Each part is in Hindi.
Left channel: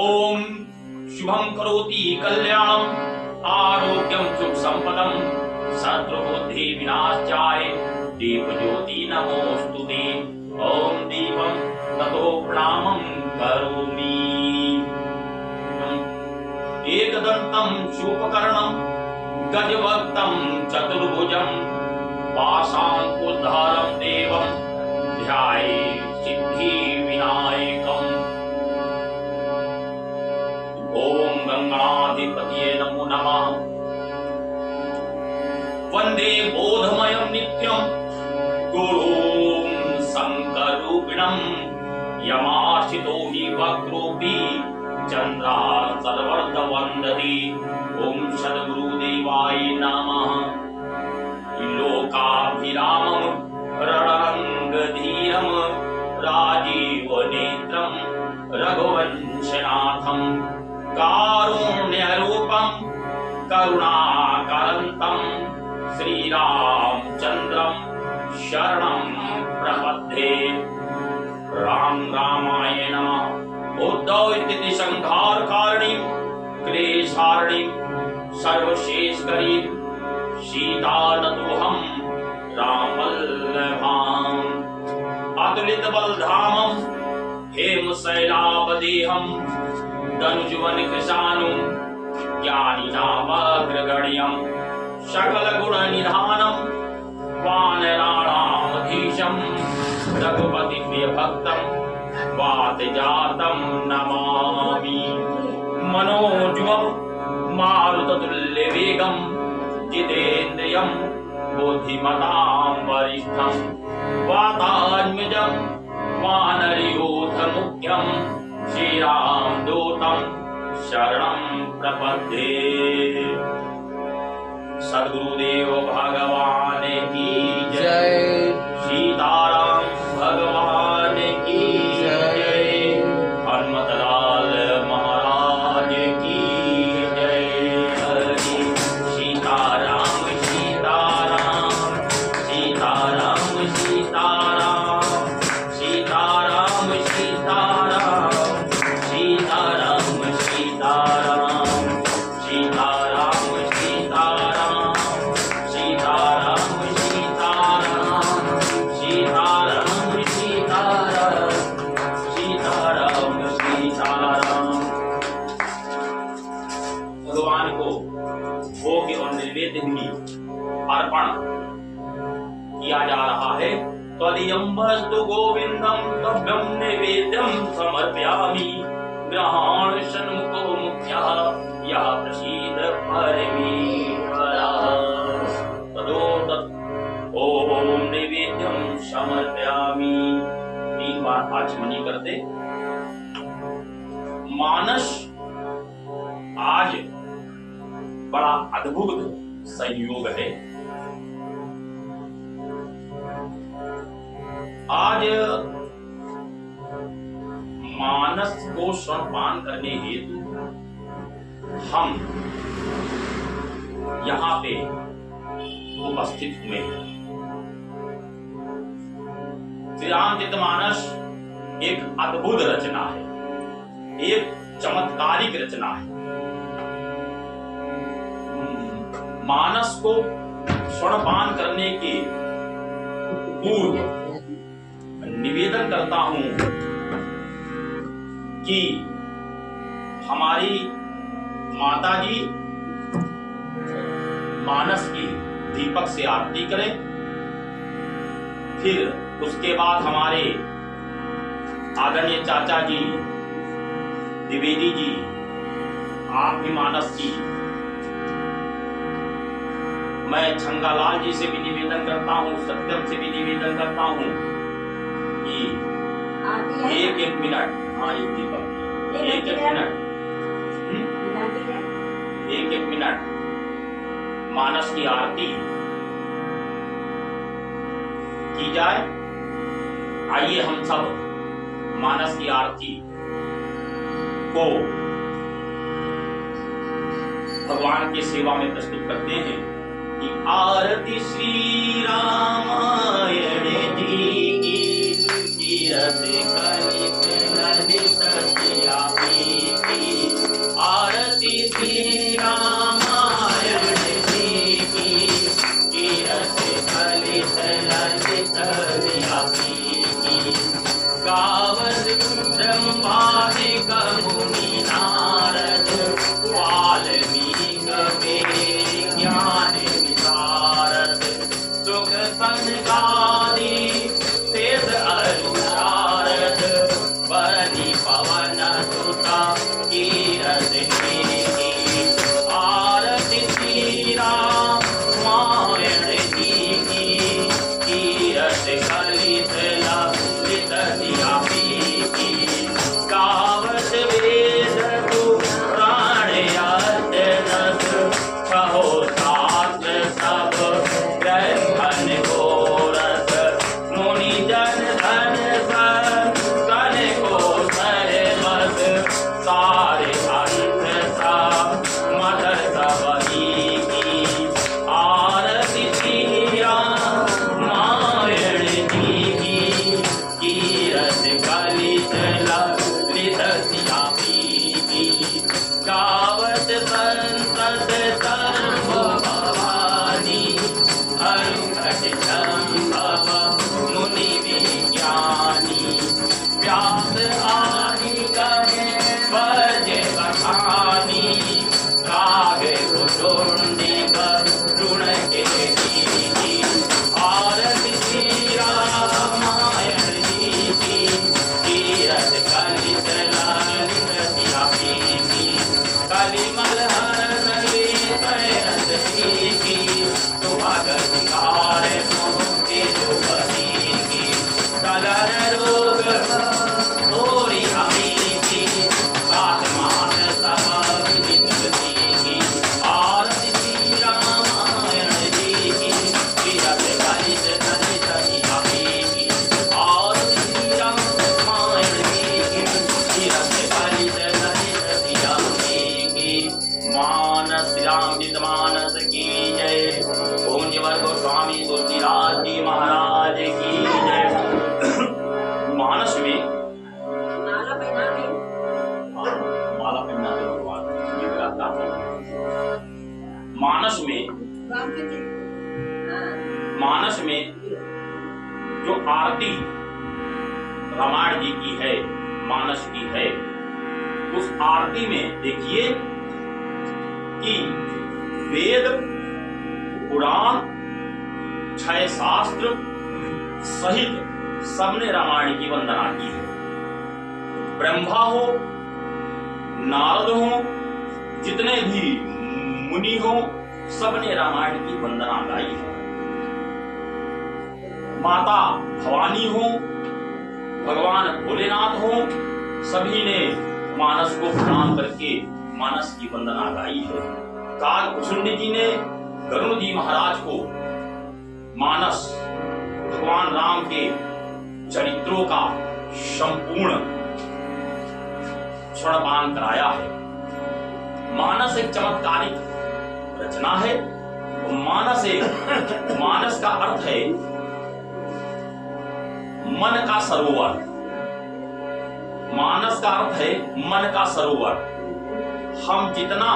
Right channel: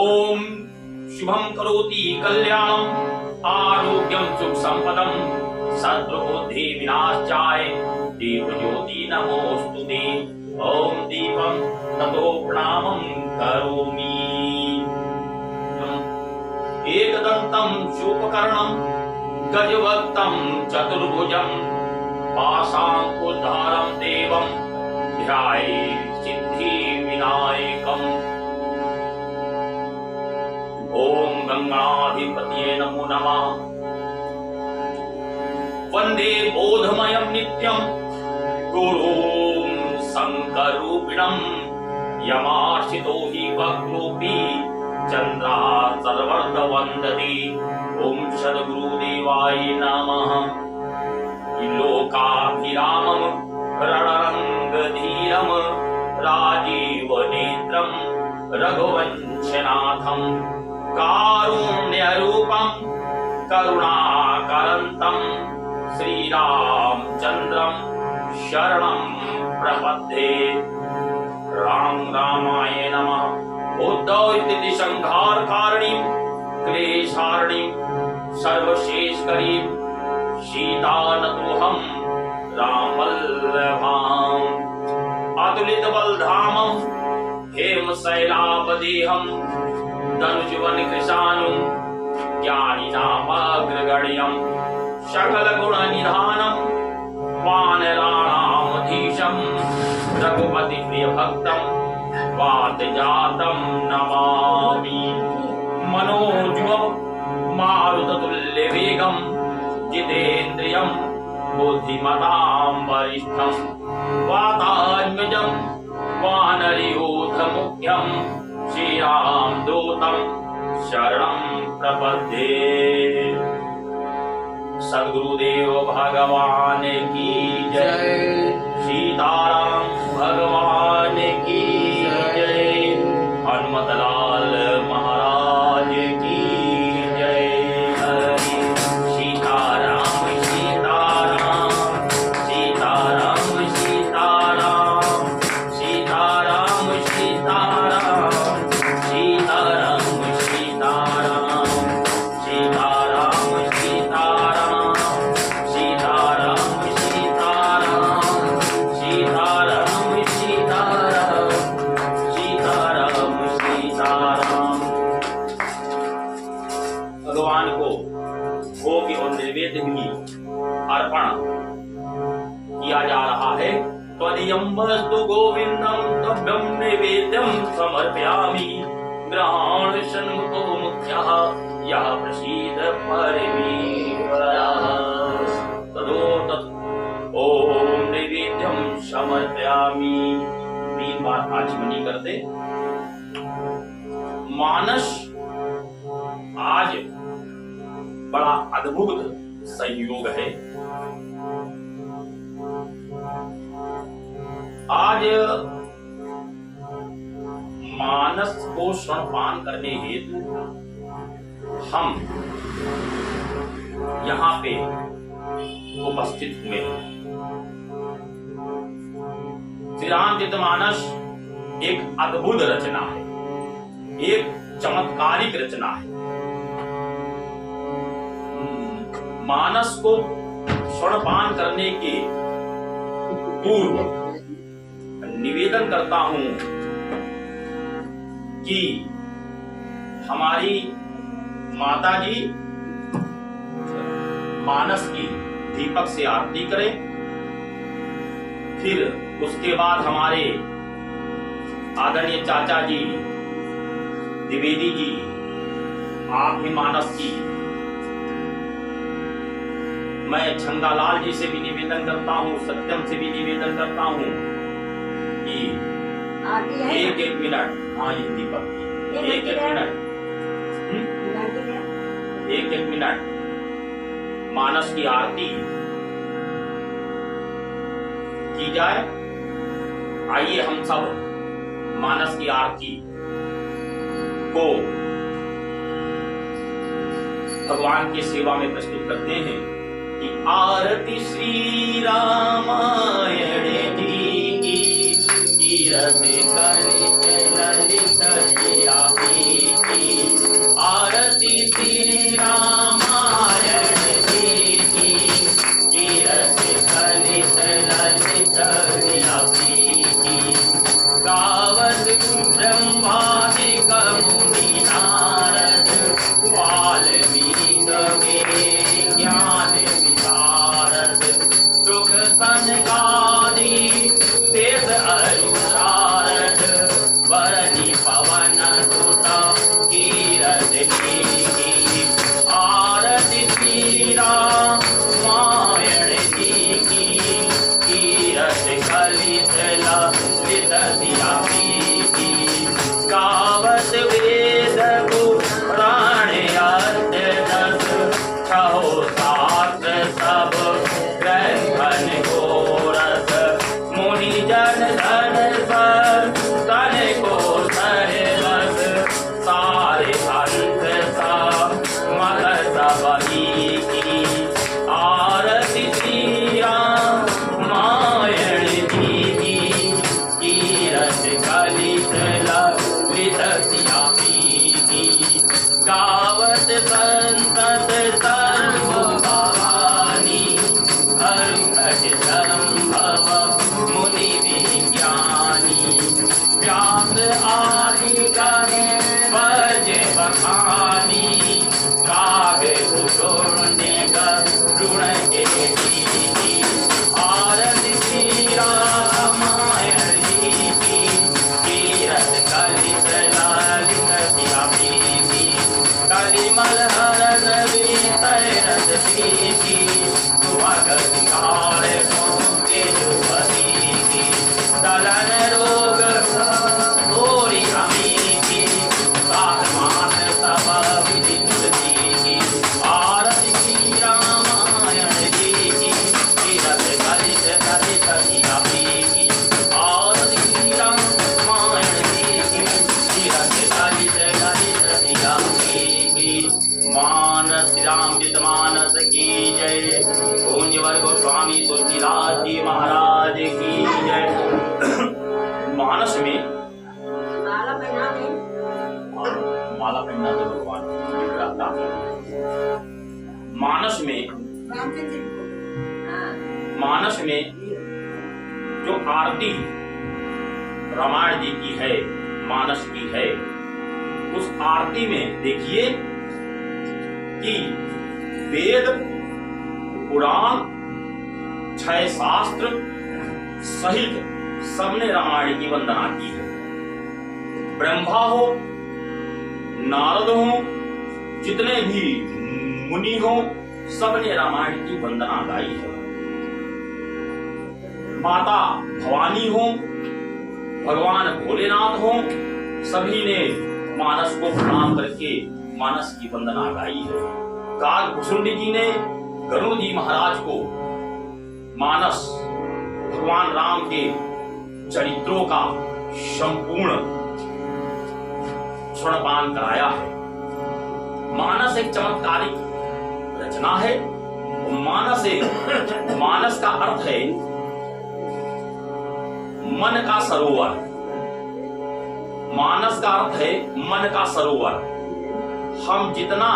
ओम शुभम करोति कल्याणम आरोग्यम सुख संपदम शत्रुबुद्धि विनाशाय दीप ज्योति नमोस्तुते। ओम दीपम ततो प्रणामं करोमि। एकदंतं शूपकर्णं गजवक्तं चतुर्भुजं पाशाङ्कुशधारं देवं ध्यायेत् सिद्धि विनायकम्। ओम गंगाधिपतये नमो नमः। वंदे बोधमयं नित्यं गुरुं शंकरूपिणं यमार्चितो हि वक्रोऽपि चन्द्रात् सर्वत्र वन्दति। ओम सद्गुरुदेवाय नमः। लोकाभिरामं रणरङ्गधीरं राजीवनेत्रं रघुवंशनाथं कारुण्यरूपं करुणाकरन्तं श्रीरामचन्द्रं शरणं प्रपद्ये। राम रामाय नमः। उद्धव इति संहारकारिणीं क्लेशारिणीं सर्वशेषकरीं सीतानतोऽहं रामवल्लभाम्। अतुलितबलधामं हेमशैलावदेहं धनुजवनकृशानुं ज्ञानिनामग्रगण्यं सकलगुणनिधानं वानराणामधीशं रघुपतिप्रियभक्तं वातजातं नमामि। मनोजवं मारुततुल्यवेगं जितेन्द्रियं बुद्धिमतां वरिष्ठं वातात्मजं वानरयूथमुख्यं श्रीरामदूतं शरणं प्रपद्ये। सद्गुरुदेव भगवान की जय। सीताराम भगवान की जय। हनुमतलाल महाराज की जय। हरि सीताराम सीताराम सीताराम सीताराम सीताराम सीताराम सीताराम सीताराम सीताराम सीताराम सीताराम सीताराम सीताराम सीताराम सीताराम। भगवान को भोग और नैवेद्य भी अर्पण किया जा रहा है। त्वदीयं वस्तु गोविंदं तभ्यं नैवेद्यं समर्पयामि। ग्रहाण सन्मुखो मुख्यः यः प्रसीद परमेश्वरः तदोतत् ओम नैवेद्यं समर्पयामि। 3 बार आचमनी करते। मानस आज बड़ा अद्भुत संयोग है। आज मानस को स्तनपान करने हेतु हम यहाँ पे उपस्थित हुए हैं। श्री रामचरितमानस एक अद्भुत रचना है, एक चमत्कारिक रचना है। मानस को स्तनपान करने के पूर्व निवेदन करता हूं कि हमारी माता जी मानस की दीपक से आरती करें। फिर उसके बाद हमारे आदरणीय चाचा जी द्विवेदी जी आप भी मानस की। मैं छंगालाल जी से भी निवेदन करता हूँ, सत्यम से भी निवेदन करता हूँ कि एक मिनट। हाँ ये दीपक एक मिनट मानस की आरती की जाए। आइए हम सब मानस की आरती को भगवान की सेवा में प्रस्तुत करते हैं। कि आरती श्री रामायण जी की तीरथ कलित ललित की संतत सर्व भवानी हरुषट शरण भव मुनि विज्ञानी व्यास आदि कहे भज बखानी काव्य कुटुंडी गुण के दीदी आरती श्री रामायण जी की तीरथ कलित ललित प्रीति कलिमल हरण वीत श्री सुभगत के जुबती की सलन रोग थोड़ी हमीदी बागमान सब विजिंदती की आरती श्री रामायण जी की तीरथ कलित ललित प्रीति आरती श्री रामायण जी की तीरथ कलित ललित प्रीति मानस रामचरित मानस की जय। कुंजवर गोस्वामी तुलसीदास जी महाराज की जय। मानस में माला पहनना तो भगवान विग्रह था। मानस में जो आरती रामायण जी की है, मानस की है, उस आरती में देखिए कि वेद पुराण 6 शास्त्र सहित सबने रामायण की वंदना की है। ब्रह्मा हो, नारद हो, जितने भी मुनि हो, सबने रामायण की वंदना गाई है। माता भवानी हो, भगवान भोलेनाथ हो, सभी ने मानस को प्रणाम करके मानस की वंदना गाई है। काकभूषुंडी जी ने गरुड़ जी महाराज को मानस भगवान राम के चरित्रों का संपूर्ण स्वर्णपान कराया है। मानस एक चमत्कारिक रचना है। मानस का अर्थ है मन का सरोवर। मानस का अर्थ है मन का सरोवर। हम जितना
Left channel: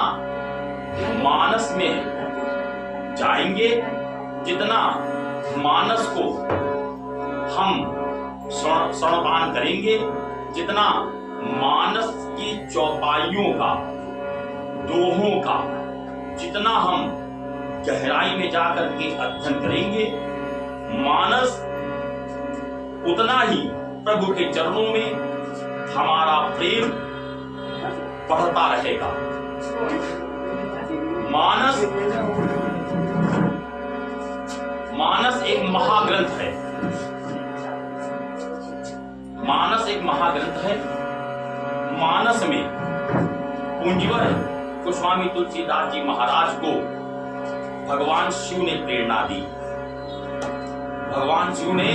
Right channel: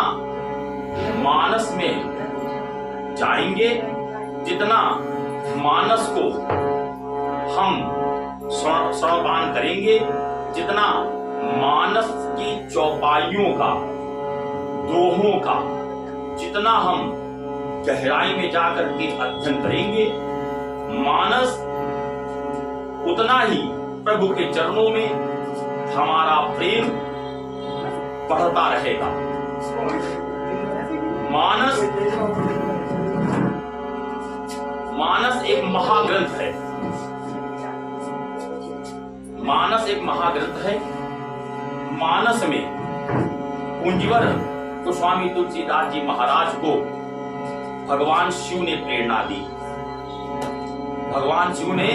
मानस में जाएंगे, जितना मानस को हम स्वर्णपान करेंगे, जितना मानस की चौपाइयों का, दोहों का जितना हम गहराई में जाकर के अध्ययन करेंगे, मानस उतना ही प्रभु के चरणों में हमारा प्रेम बढ़ता रहेगा। मानस एक महाग्रंथ है। मानस एक महाग्रंथ है। मानस में कुंजवर गोस्वामी तुलसीदास जी महाराज को भगवान शिव ने प्रेरणा दी। भगवान शिव ने,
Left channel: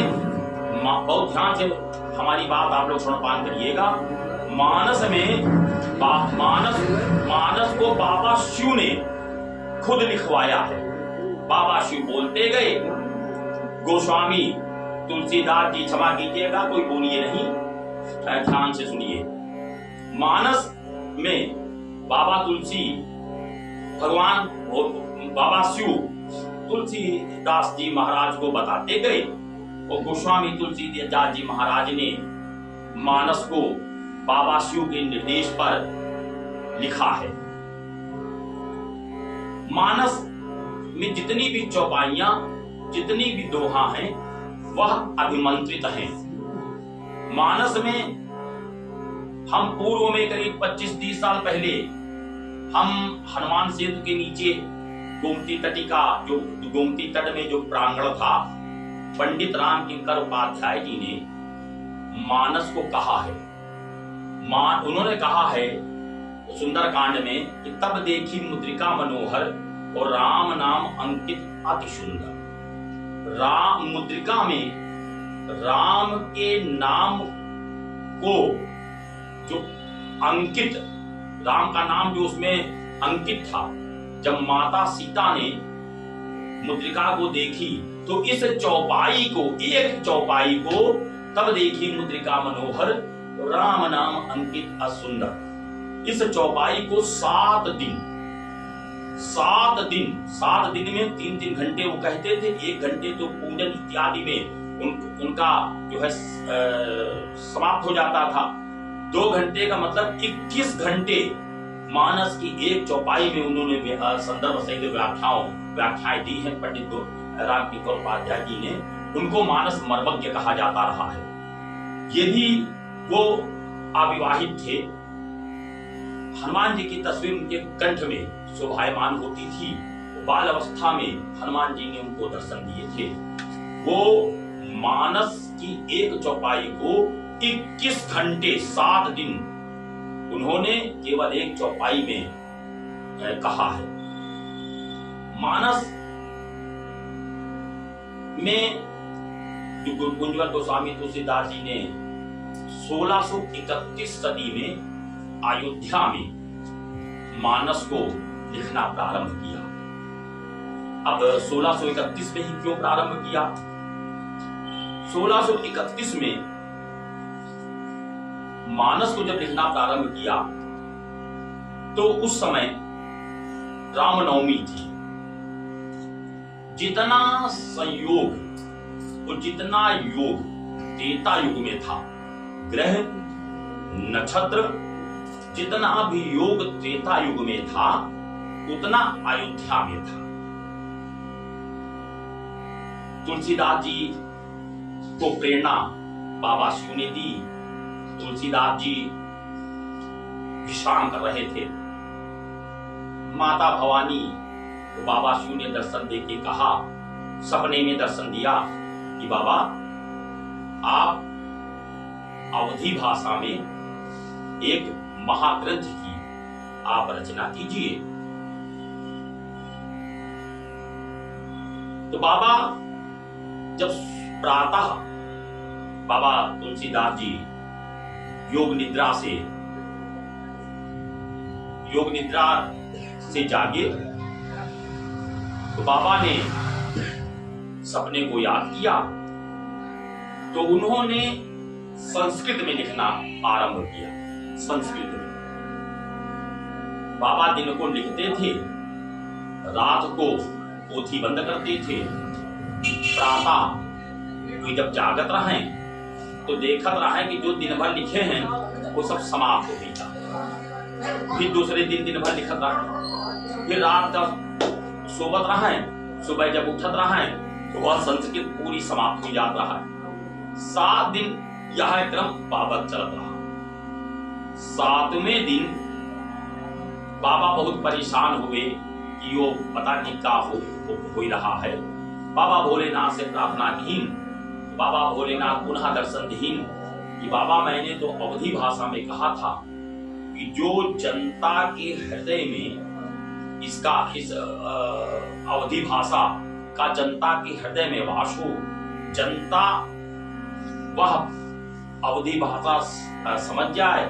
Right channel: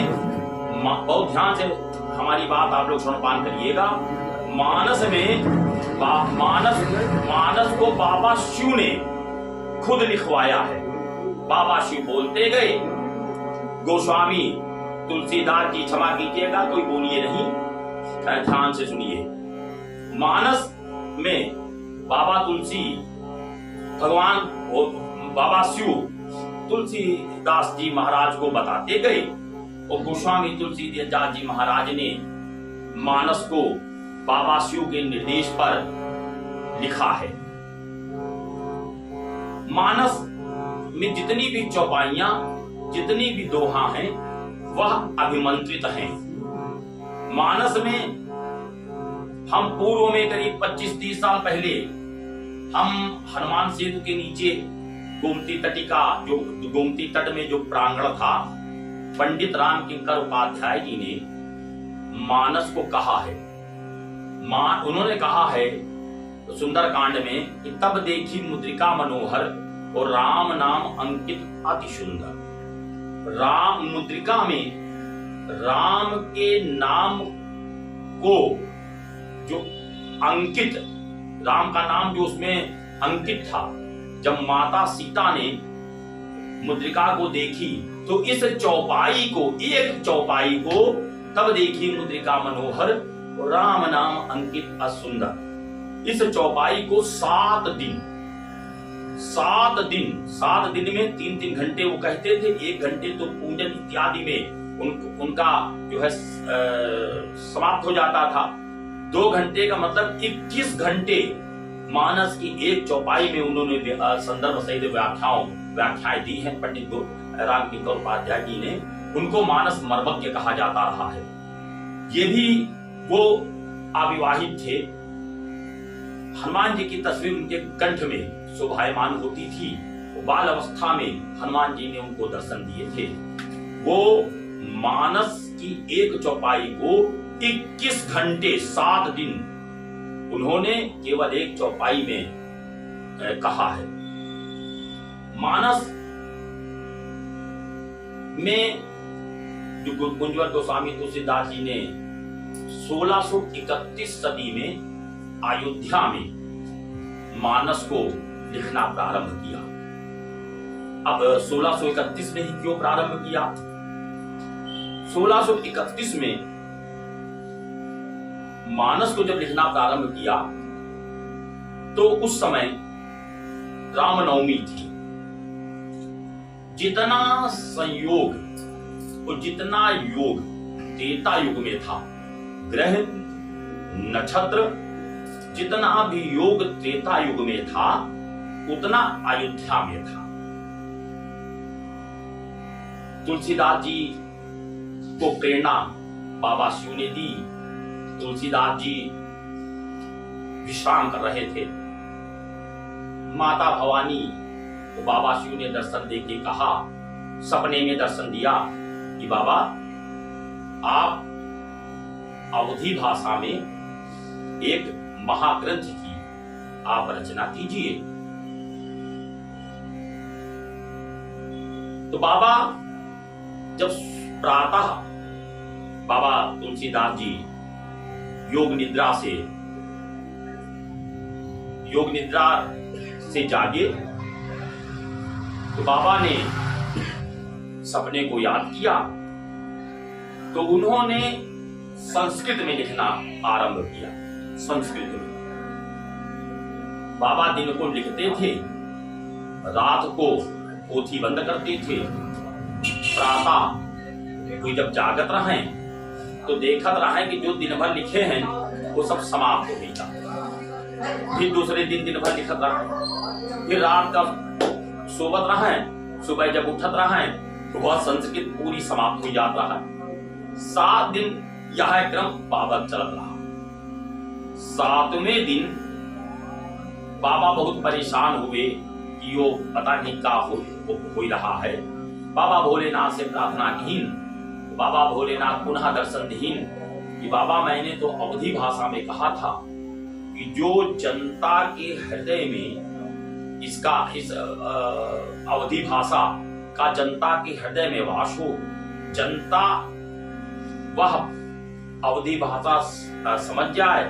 बहुत ध्यान से हमारी बात आप लोग स्वर्णपान करिएगा, मानस को बाबा शिव ने खुद लिखवाया है। बाबा शिव बोलते गए, गोस्वामी तुलसीदास जी, क्षमा कीजिएगा कोई बोलिए नहीं, ध्यान से सुनिए। मानस में बाबा तुलसी, भगवान बाबा शिव तुलसीदास जी महाराज को बताते गए और गोस्वामी तुलसीदास जी महाराज ने मानस को बाबा शिव के निर्देश पर लिखा है। मानस में जितनी भी चौपाइयां, जितनी भी दोहा हैं, वह अभिमंत्रित हैं। मानस में हम पूर्व में करीब 25-30 साल पहले हम हनुमान सेतु के नीचे गोमती तट में जो प्रांगण था, पंडित राम किंकर उपाध्याय जी ने मानस को कहा है। उन्होंने कहा है सुंदरकांड में कि तब देखी मुद्रिका मनोहर और राम नाम अंकित अति सुंदर। राम मुद्रिका में राम के नाम को जो अंकित, राम का नाम जो उसमें अंकित था, जब माता सीता ने मुद्रिका को देखी तो इस चौपाई को, एक चौपाई को तब देखी मुद्रिका मनोहर राम नाम अंकित असुंदर, इस चौपाई को 7 दिन 7 दिन में 3-3 घंटे वो कहते थे, 1 घंटे तो पूजन इत्यादि में उनका जो है समाप्त हो जाता था। 2 घंटे का मतलब 21 घंटे मानस की एक चौपाई में उन्होंने संदर्भ सहित व्याख्याएं दी हैं। पंडित रामकिंकर उपाध्याय जी ने उनको मानस मर्मज्ञ कहा जाता रहा है। ये भी वो अविवाहित थे। हनुमान जी की तस्वीर उनके कंठ में शोभायमान होती थी। बाल अवस्था में हनुमान जी ने उनको दर्शन दिए थे। वो मानस की एक चौपाई को 21 घंटे 7 दिन उन्होंने केवल एक चौपाई में कहा है। मानस में जो कुंजवर गोस्वामी तुलसीदास जी ने 1631 सदी में अयोध्या में मानस को लिखना प्रारंभ किया। अब 1631 में ही क्यों प्रारंभ किया? 1631 में मानस को जब लिखना प्रारंभ किया तो उस समय रामनवमी थी। जितना संयोग और जितना योग त्रेता युग में था, ग्रह नक्षत्र जितना भी योग त्रेता युग में था उतना अयोध्या में था। तुलसीदास जी को प्रेरणा बाबा शिव ने दी। तुलसीदास जी विश्राम कर रहे थे। माता भवानी तो बाबा शिव ने दर्शन देके कहा, सपने में दर्शन दिया कि बाबा आप अवधी भाषा में एक महाग्रंथ की आप रचना कीजिए। तो बाबा जब प्रातः बाबा तुलसीदास जी योग निद्रा से जागे तो बाबा ने सपने को याद किया तो उन्होंने संस्कृत में लिखना आरंभ किया। संस्कृत में बाबा दिन को लिखते थे, रात को पोथी बंद करते थे। प्रातः कोई जब जागत रहे तो देखत रहे कि जो दिन भर लिखे हैं वो सब समाप्त हो गया। फिर दूसरे दिन भर लिखत रहे, फिर रात जब सोवत रहे, सुबह जब उठत रहे तो वह संस्कृत पूरी समाप्त हो जाता है। 7 दिन यह क्रम बाबा चलत रहा। 7वें दिन बाबा बहुत परेशान हुए कि यो पता नहीं क्या हो रहा है। बाबा भोलेनाथ से प्रार्थनाहीन, बाबा भोलेनाथ पुनः दर्शनहीन कि बाबा मैंने तो अवधी भाषा में कहा था कि जो जनता के हृदय में इस अवधी भाषा का जनता के हृदय में वास हो, जनता वह अवधी भाषा समझ जाए।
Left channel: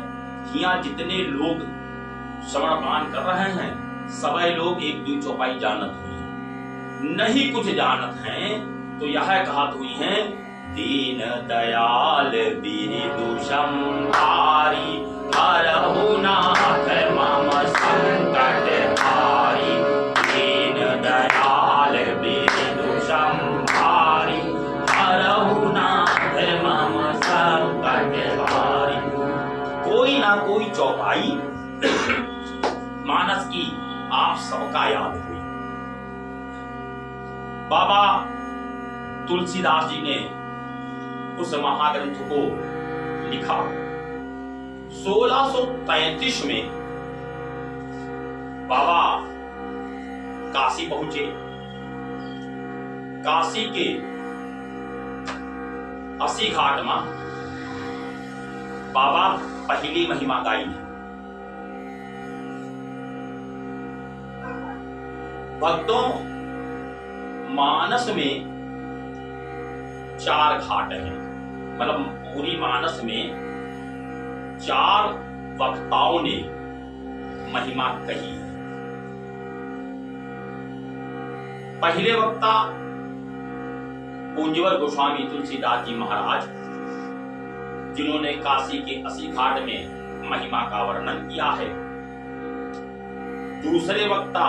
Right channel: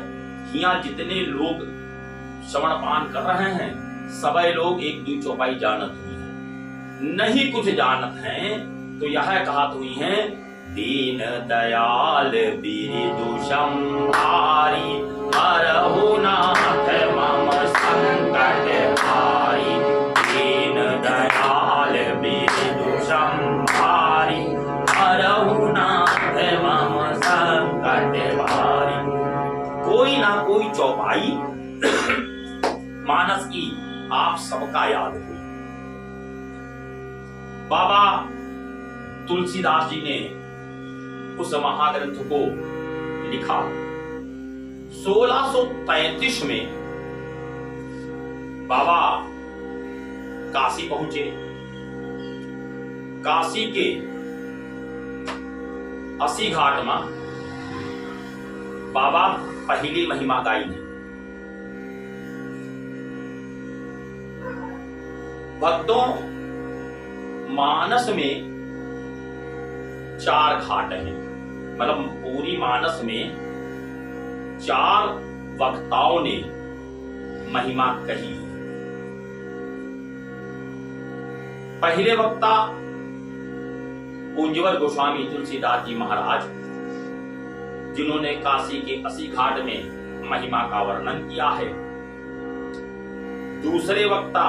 यहाँ जितने लोग श्रवण पान कर रहे हैं सभी लोग एक दो चौपाई जानत हुई, नहीं कुछ जानत हैं तो यह कहत हुई है, दीन दयाल बिरदु संहारी, हरहु नाथ मम संकट हारी। दीन दयाल बिरदु संहारी, हरहु नाथ मम संकट हारी। कोई ना कोई चौपाई मानस की आप सबका याद हुई। बाबा तुलसीदास जी ने उस महाग्रंथ को लिखा। 1635 में बाबा काशी पहुंचे। काशी के 80 घाट में बाबा पहली महिमा गाई। भक्तों, मानस में 4 घाट हैं, मतलब पूरी मानस में 4 वक्ताओं ने महिमा कही। पहले वक्ता कुंजवर गोस्वामी तुलसीदास जी महाराज, जिन्होंने काशी के 80 घाट में महिमा का वर्णन किया है। दूसरे वक्ता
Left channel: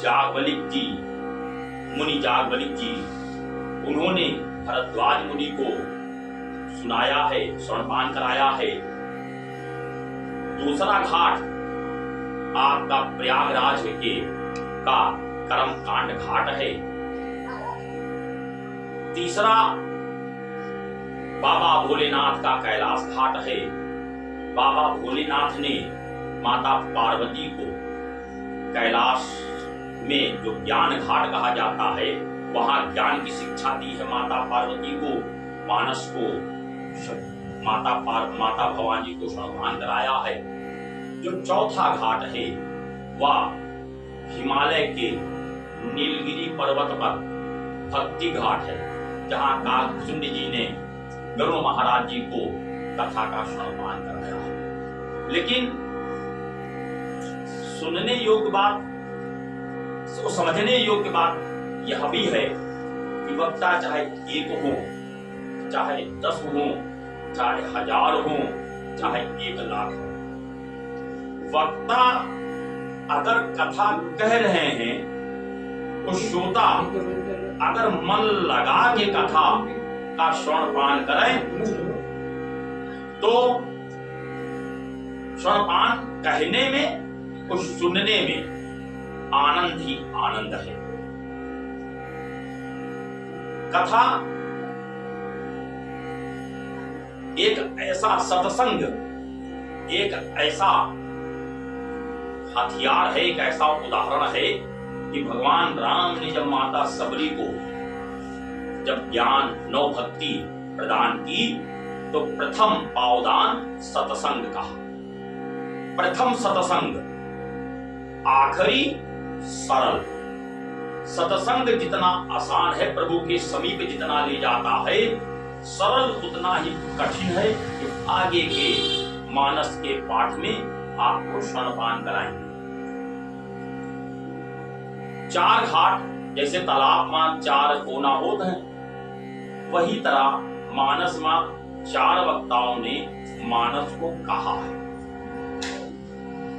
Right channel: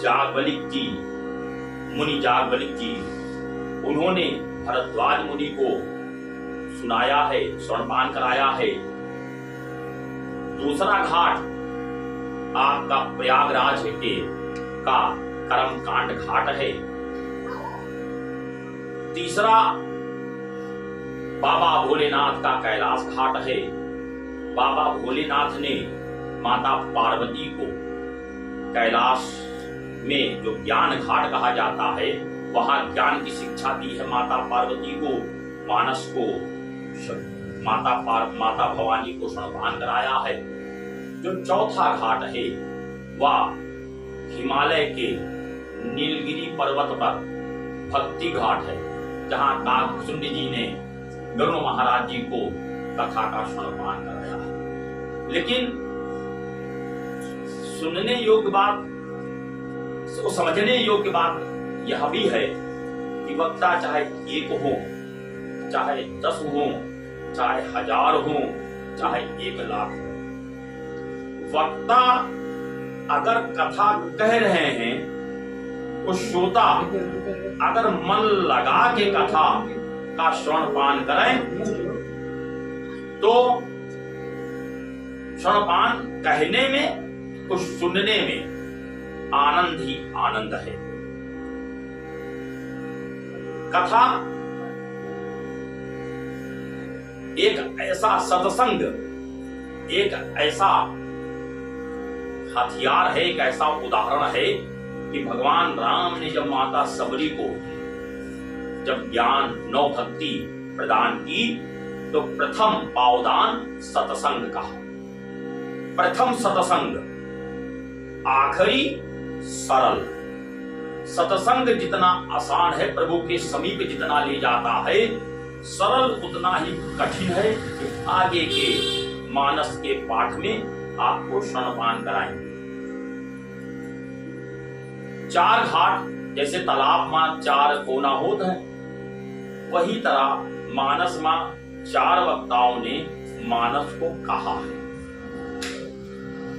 जागवलिक जी, मुनि जागवलिक जी, उन्होंने भरद्वाज मुनि को सुनाया है, श्रवणपान कराया है। दूसरा घाट आपका प्रयागराज के का कर्मकांड घाट है। तीसरा बाबा भोलेनाथ का कैलाश घाट है। बाबा भोलेनाथ ने माता पार्वती को कैलाश में जो ज्ञान घाट कहा जाता है, वहां ज्ञान की शिक्षा दी है माता पार्वती को, मानस को, माता भवानी को श्रवणपान कराया है। जो चौथा घाट है वह हिमालय के नीलगिरी पर्वत पर भक्ति घाट है, जहां काकभुजंड जी ने गरुड़ महाराज जी को कथा का श्रवणपान कराया है। लेकिन सुनने योग्य बात, समझने योग्य बात यह भी है कि वक्ता चाहे एक हो, चाहे 10 हो, चाहे 1000 हो, चाहे 1 लाख हो, वक्ता अगर कथा कह रहे हैं तो श्रोता अगर मन लगा के कथा का श्रवणपान करें तो श्रवणपान कहने में और सुनने में आनंद ही आनंद है। कथा एक ऐसा सत्संग, एक ऐसा हथियार है, एक ऐसा उदाहरण है कि भगवान राम ने जब माता सबरी को जब ज्ञान नौ भक्ति प्रदान की तो प्रथम पावदान सत्संग का, प्रथम सत्संग, आखिरी सरल। सत्संग जितना आसान है, प्रभु के समीप जितना ले जाता है, सरल उतना ही कठिन है कि आगे के मानस के पाठ में आपको श्रवणपान कराएंगे। 4 घाट जैसे तालाब में 4 कोना होते हैं, वही तरह मानस में 4 वक्ताओं ने मानस को कहा है।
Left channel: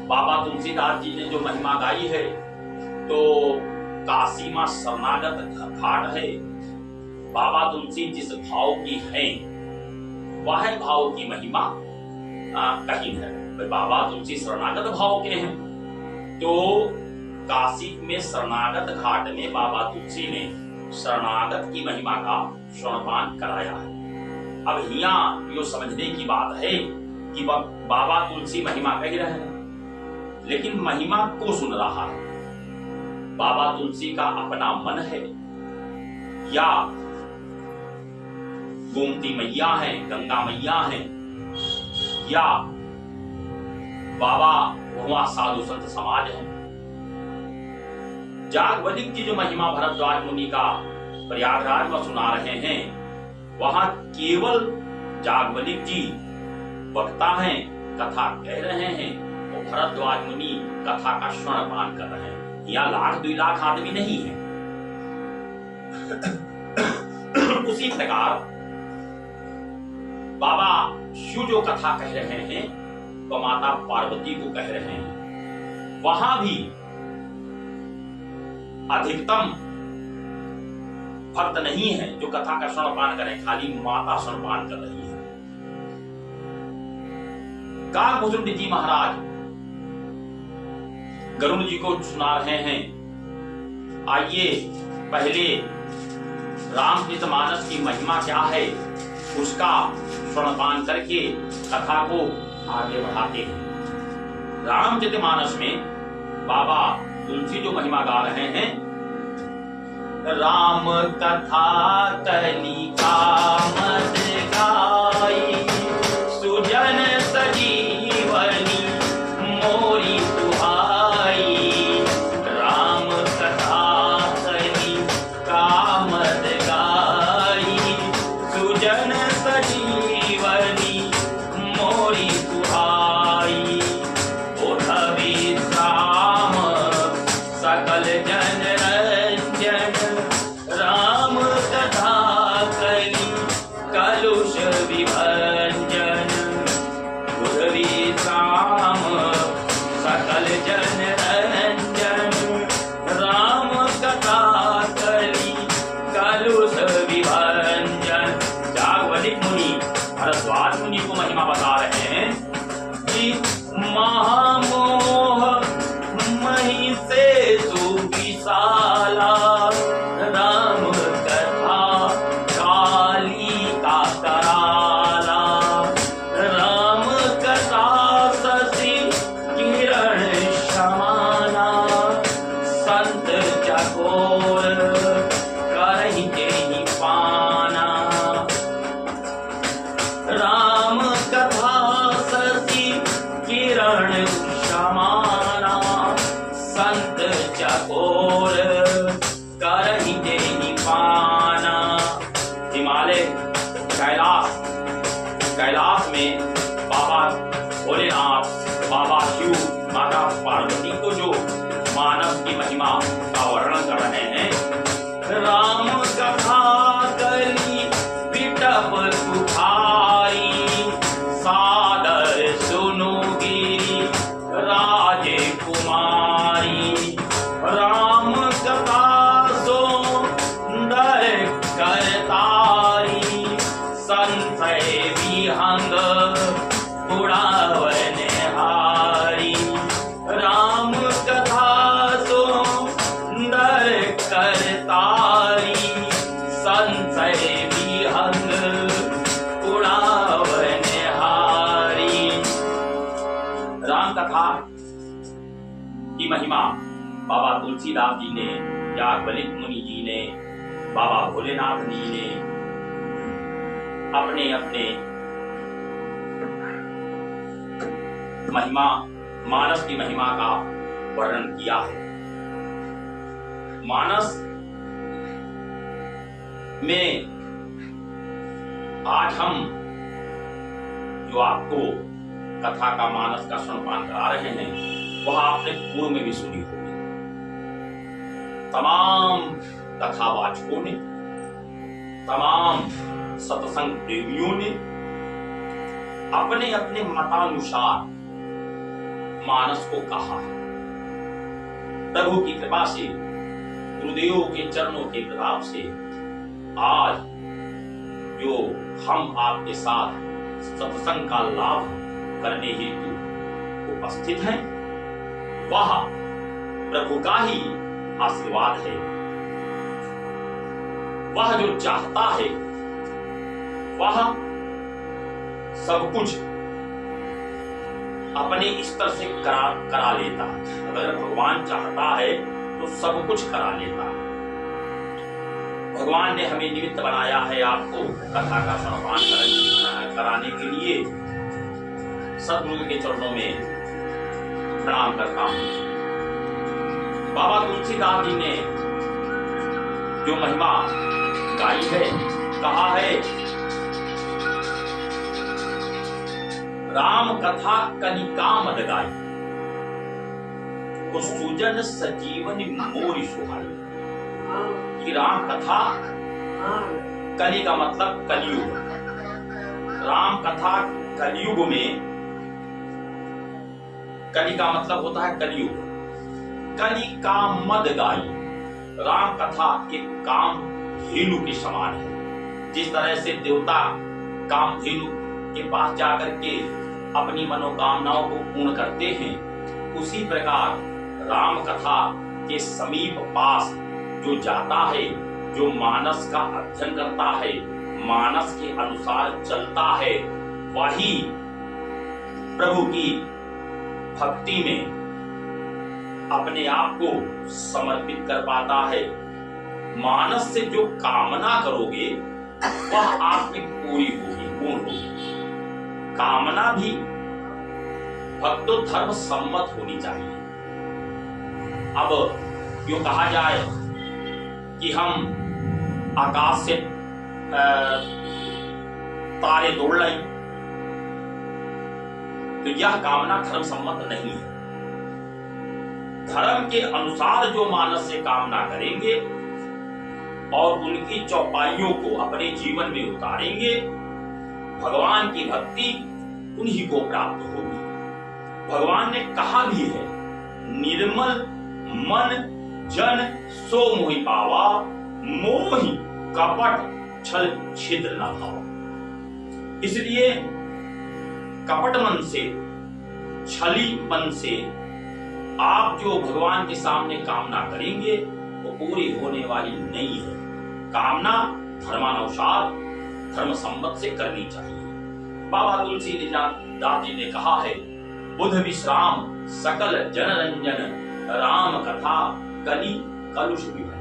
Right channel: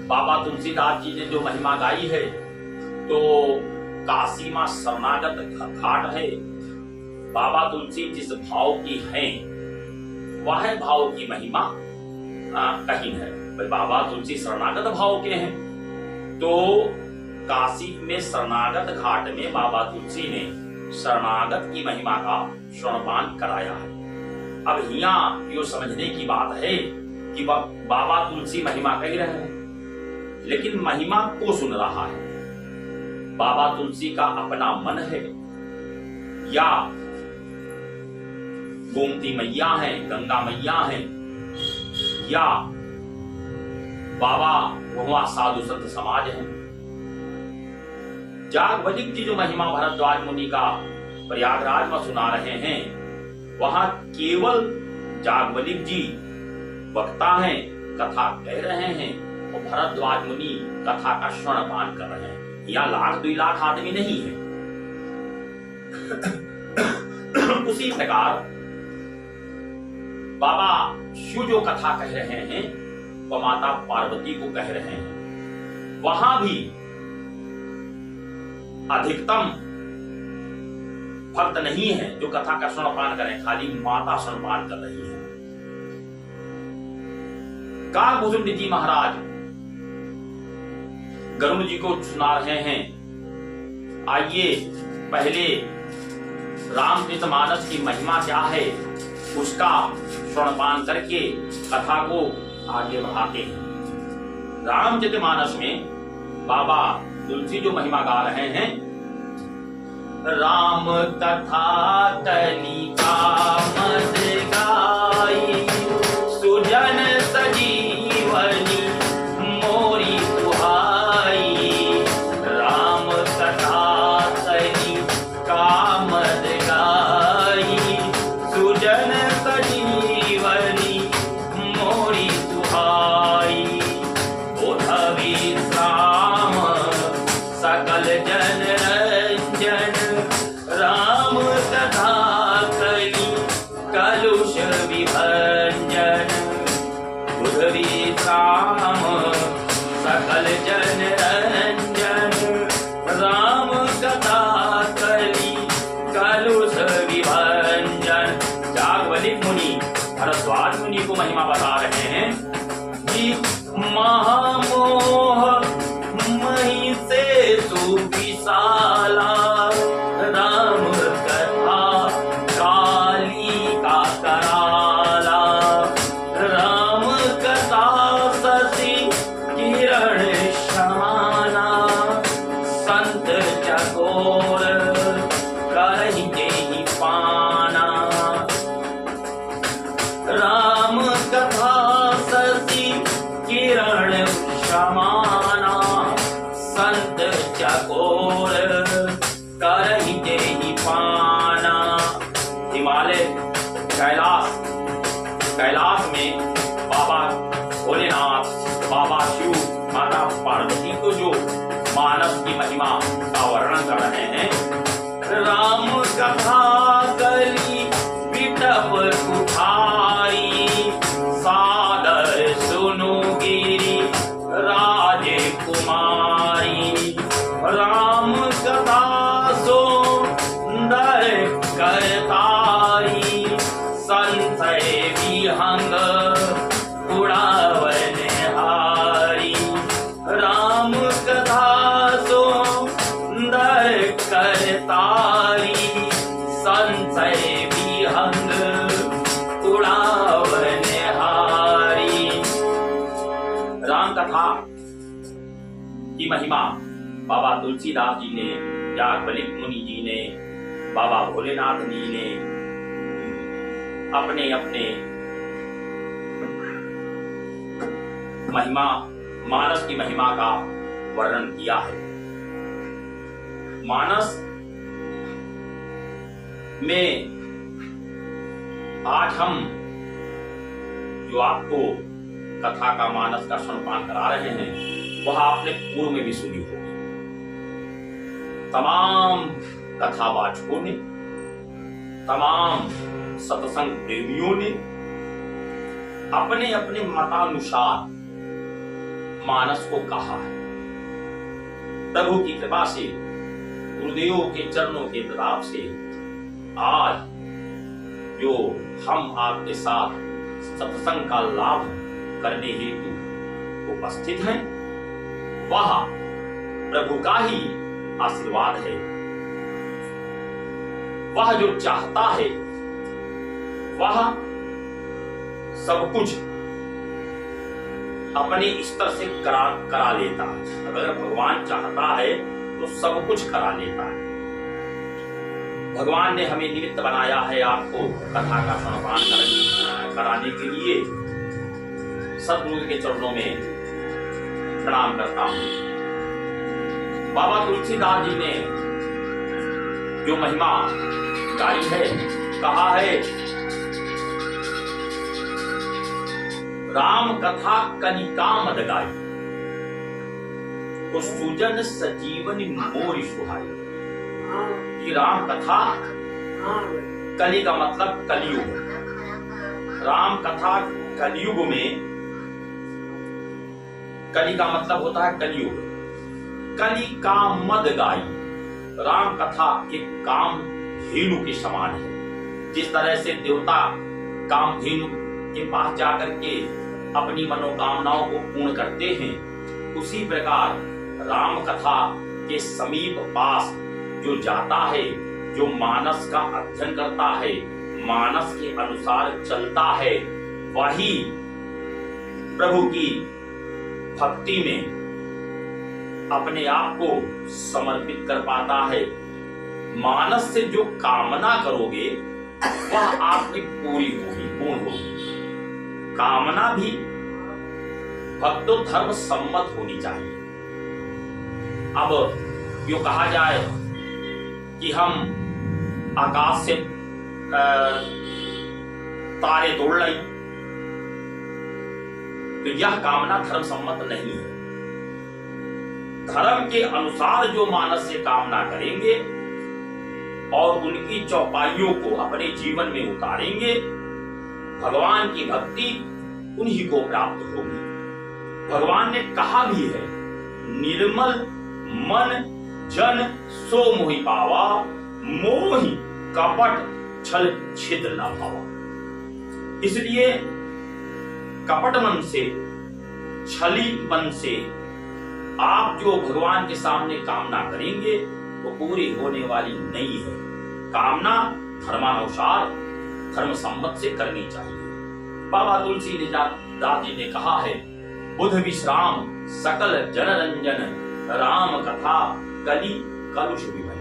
बाबा तुलसीदास जी ने जो महिमा गाई है तो काशी में शरणागत घाट है। बाबा तुलसी जिस भाव की हैं वह भाव की महिमा कहीं है। भाई बाबा तुलसी शरणागत भाव के हैं तो काशी में शरणागत घाट में बाबा तुलसी ने शरणागत की महिमा का श्रवणपान कराया है। अब यहाँ यो समझने की बात है कि बाबा तुलसी महिमा कह रहे हैं, लेकिन महिमा को सुन रहा है। बाबा तुलसी का अपना मन है या गोमती मैया है, गंगा मैया है, या बाबा वहाँ साधु संत समाज है। जागवलिक जी जो महिमा भरद्वाज मुनि का प्रयागराज में सुना रहे हैं, वहां केवल जागवलिक जी वक्ता हैं, कथा कह रहे हैं, और भरद्वाज मुनि कथा का श्रवणपान कर रहे हैं। या 1,00,000 2 लाख आदमी नहीं है। उसी प्रकार बाबा शिव जो कथा कह रहे हैं तो माता पार्वती को कह रहे हैं, वहां भी अधिकतम भक्त नहीं है जो कथा का श्रवणपान करें, खाली माता श्रवणपान कर रही है। काकभुजंड जी महाराज गरुड़ जी को सुना रहे हैं। आइए पहले रामचरितमानस की महिमा क्या है उसका श्रवणपान करके कथा को आगे बढ़ाते हैं। रामचरितमानस में बाबा तुलसी जो महिमा गा रहे हैं, राम कथा कलिका मद गाई, सुजन सजीवनी मोरी सुहाई। राम कथा कलिका मद गाई, सुजन सजीवनी मोरी सुहाई। उठवी राम सकल जन रंजन, राम कथा करी कलुष समाना, संत चकोर करहि तेहि पाना। हिमालय कैलाश में बाबा भोलेनाथ, बाबा शिव, माता पार्वती को जो मानस की महिमा का वर्णन कर रहे हैं। राम कथा करी विटप कुठारी, सादर सुनु गिरी राजे कुमारी। राम कथा सुंदर करतारी, संशय विहंग उड़ावन हारी। राम कथा सुंदर करतारी, संशय विहंग उड़ावन हारी। राम कथा की महिमा बाबा तुलसीदास जी ने, याज्ञवल्क्य मुनि जी ने, बाबा भोलेनाथ जी ने अपने अपने महिमा, मानस की महिमा का वर्णन किया है। मानस में आज हम जो आपको कथा का, मानस का श्रवण करा रहे हैं, वह आपने पूर्व में भी सुनी होगी। तमाम कथावाचकों ने, तमाम सत्संग प्रेमियों ने अपने अपने मतानुसार मानस को कहा है। प्रभु की कृपा से, गुरुदेवों के चरणों के प्रताप से आज जो हम आपके साथ सत्संग का लाभ करने हेतु उपस्थित हैं, वह प्रभु का ही आशीर्वाद है। वह जो चाहता है वह सब कुछ अपने स्तर से करा लेता है। अगर भगवान चाहता है तो सब कुछ करा लेता है। भगवान ने हमें निमित्त बनाया है आपको कथा का श्रवण कराने के लिए। सतगुरु के चरणों में प्रणाम करता हूं। बाबा तुलसीदास जी ने जो महिमा गाई है, कहा है, राम कथा कनिका मद गाई, को सुजन सजीवन मोरी सुहाई। कि राम कथा, कली का मतलब कलयुग, राम कथा कलयुग में, कली का मतलब होता है कलयुग। कली का मद गाई, राम कथा एक काम धेनु के समान है। जिस तरह से देवता काम धेनु के पास जाकर के अपनी मनोकामनाओं को पूर्ण करते हैं, उसी प्रकार राम कथा के समीप पास जो जाता है, जो मानस का अध्ययन करता है, मानस के अनुसार चलता है, वही प्रभु की भक्ति में अपने आप को समर्पित कर पाता है। मानस से जो कामना करोगे वह आप में पूरी होगी, पूर्ण होगी। कामना भी भक्तो धर्म सम्मत होनी चाहिए। अब यो कहा जाए कि हम आकाश से तारे तोड़ लाई, तो यह कामना धर्म सम्मत नहीं है। धर्म के अनुसार जो मानस से कामना करेंगे और उनकी चौपाइयों को अपने जीवन में उतारेंगे, भगवान की भक्ति उन्हीं को प्राप्त होगी। भगवान ने कहा भी है, निर्मल मन जन सो मोहि पावा, मोहि कपट छल छिद्र न भावा। इसलिए कपट मन से, छली मन से आप जो भगवान के सामने कामना करेंगे वो पूरी होने वाली नहीं है। कामना धर्मानुसार, धर्म सम्मत से करनी चाहिए। बाबा तुलसीदास जी ने कहा है, बुध विश्राम सकल जनरंजन, राम कथा कली कलुष विभंजन।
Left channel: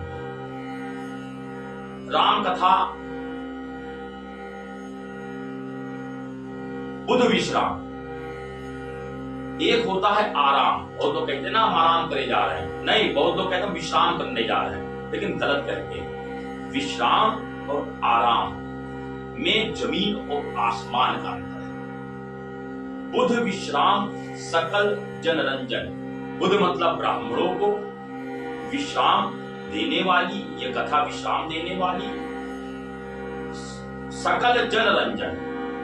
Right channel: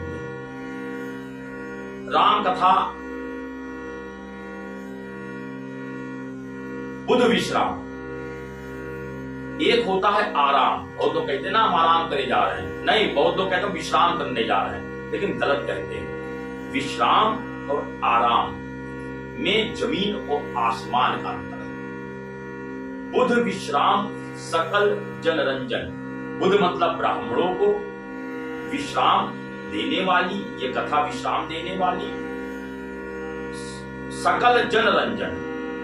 राम कथा बुध विश्राम, एक होता है आराम। बहुत लोग कहते हैं ना हम आराम करे जा रहे हैं, नहीं, बहुत लोग कहते हैं विश्राम करने जा रहे हैं, लेकिन गलत कहते हैं। विश्राम और आराम में जमीन और आसमान का अंतर है। बुध विश्राम सकल जनरंजन, बुध मतलब ब्राह्मणों को विश्राम देने वाली, ये कथा विश्राम देने वाली, सकल जनरंजन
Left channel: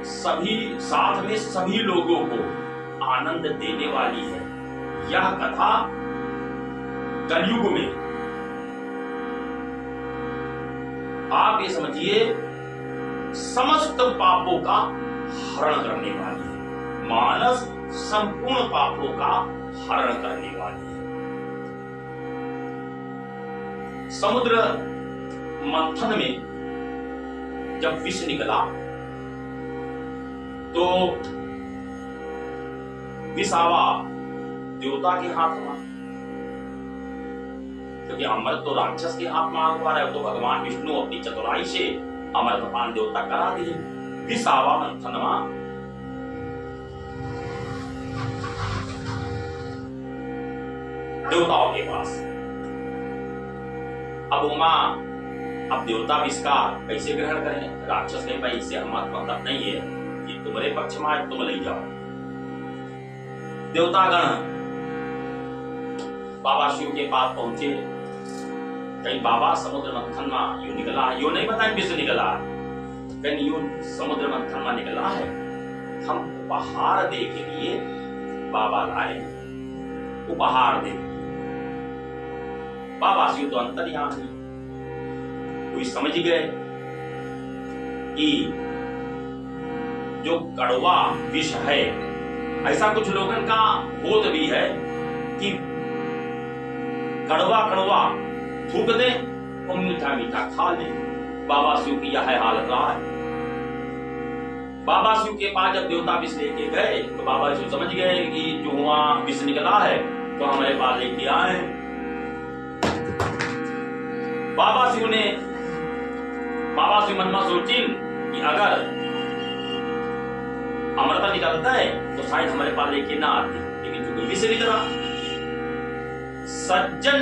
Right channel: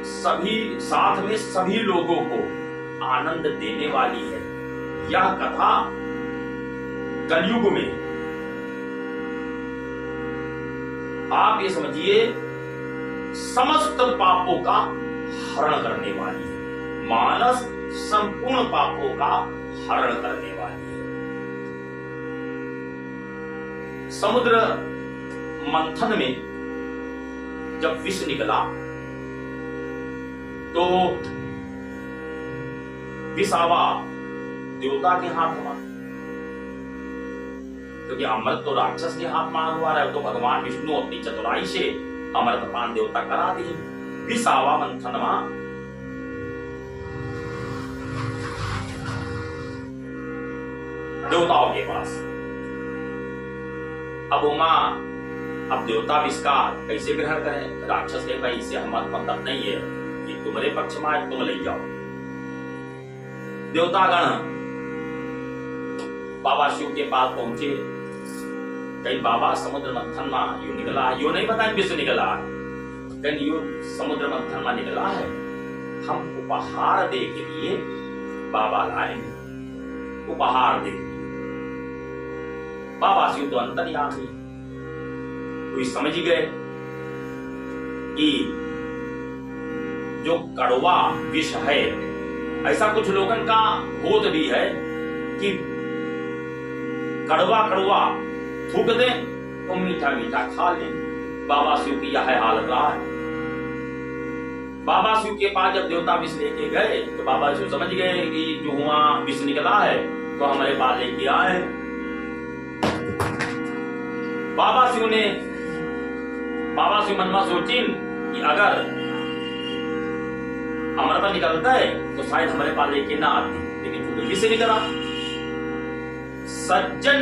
सभी साथ में सभी लोगों को आनंद देने वाली है। यह कथा कलयुग में आप ये समझिए समस्त पापों का हरण करने वाली है। मानस संपूर्ण पापों का हरण करने वाली है। समुद्र मंथन में जब विष निकला तो विष आवा देवता के हाथ में, क्योंकि अमृत तो राक्षस के हाथ में हुआ है, तो भगवान विष्णु अपनी चतुराई से अमृतपान देवता करा दी। विष आवा मंथन में देवताओं के पास। अब अब देवता विष का कैसे ग्रहण करें? राक्षस के भाई इससे हमारा मतलब नहीं है कि तुम्हारे पक्ष में आए तुम ले जाओ। देवतागण बाबा शिव के पास पहुंचे, कहीं बाबा समुद्र मंथन में यू निकला है, यो नहीं बताएं किससे निकला है, कहीं यू समुद्र मंथन में निकला है, हम उपहार दे के लिए बाबा लाएंगे, उपहार दे। बाबा शिव तो अंतर्यामी, कोई समझ गए कि जो कड़वा विष है, ऐसा कुछ लोगों का बोध भी है कि कड़वा कड़वा थूक दे और मीठा मीठा खा ले। बाबा शिव की यह हालत रहा है। बाबा शिव के पास जब देवता विष लेके गए तो बाबा शिव समझ गए कि जो वहां विष निकला है तो हमारे पास लेके आए। बाबा शिव मन में सोचिन कि अगर अमृता निकलता है तो शायद हमारे पास लेके ना आती, लेकिन जो विष निकला। सज्जन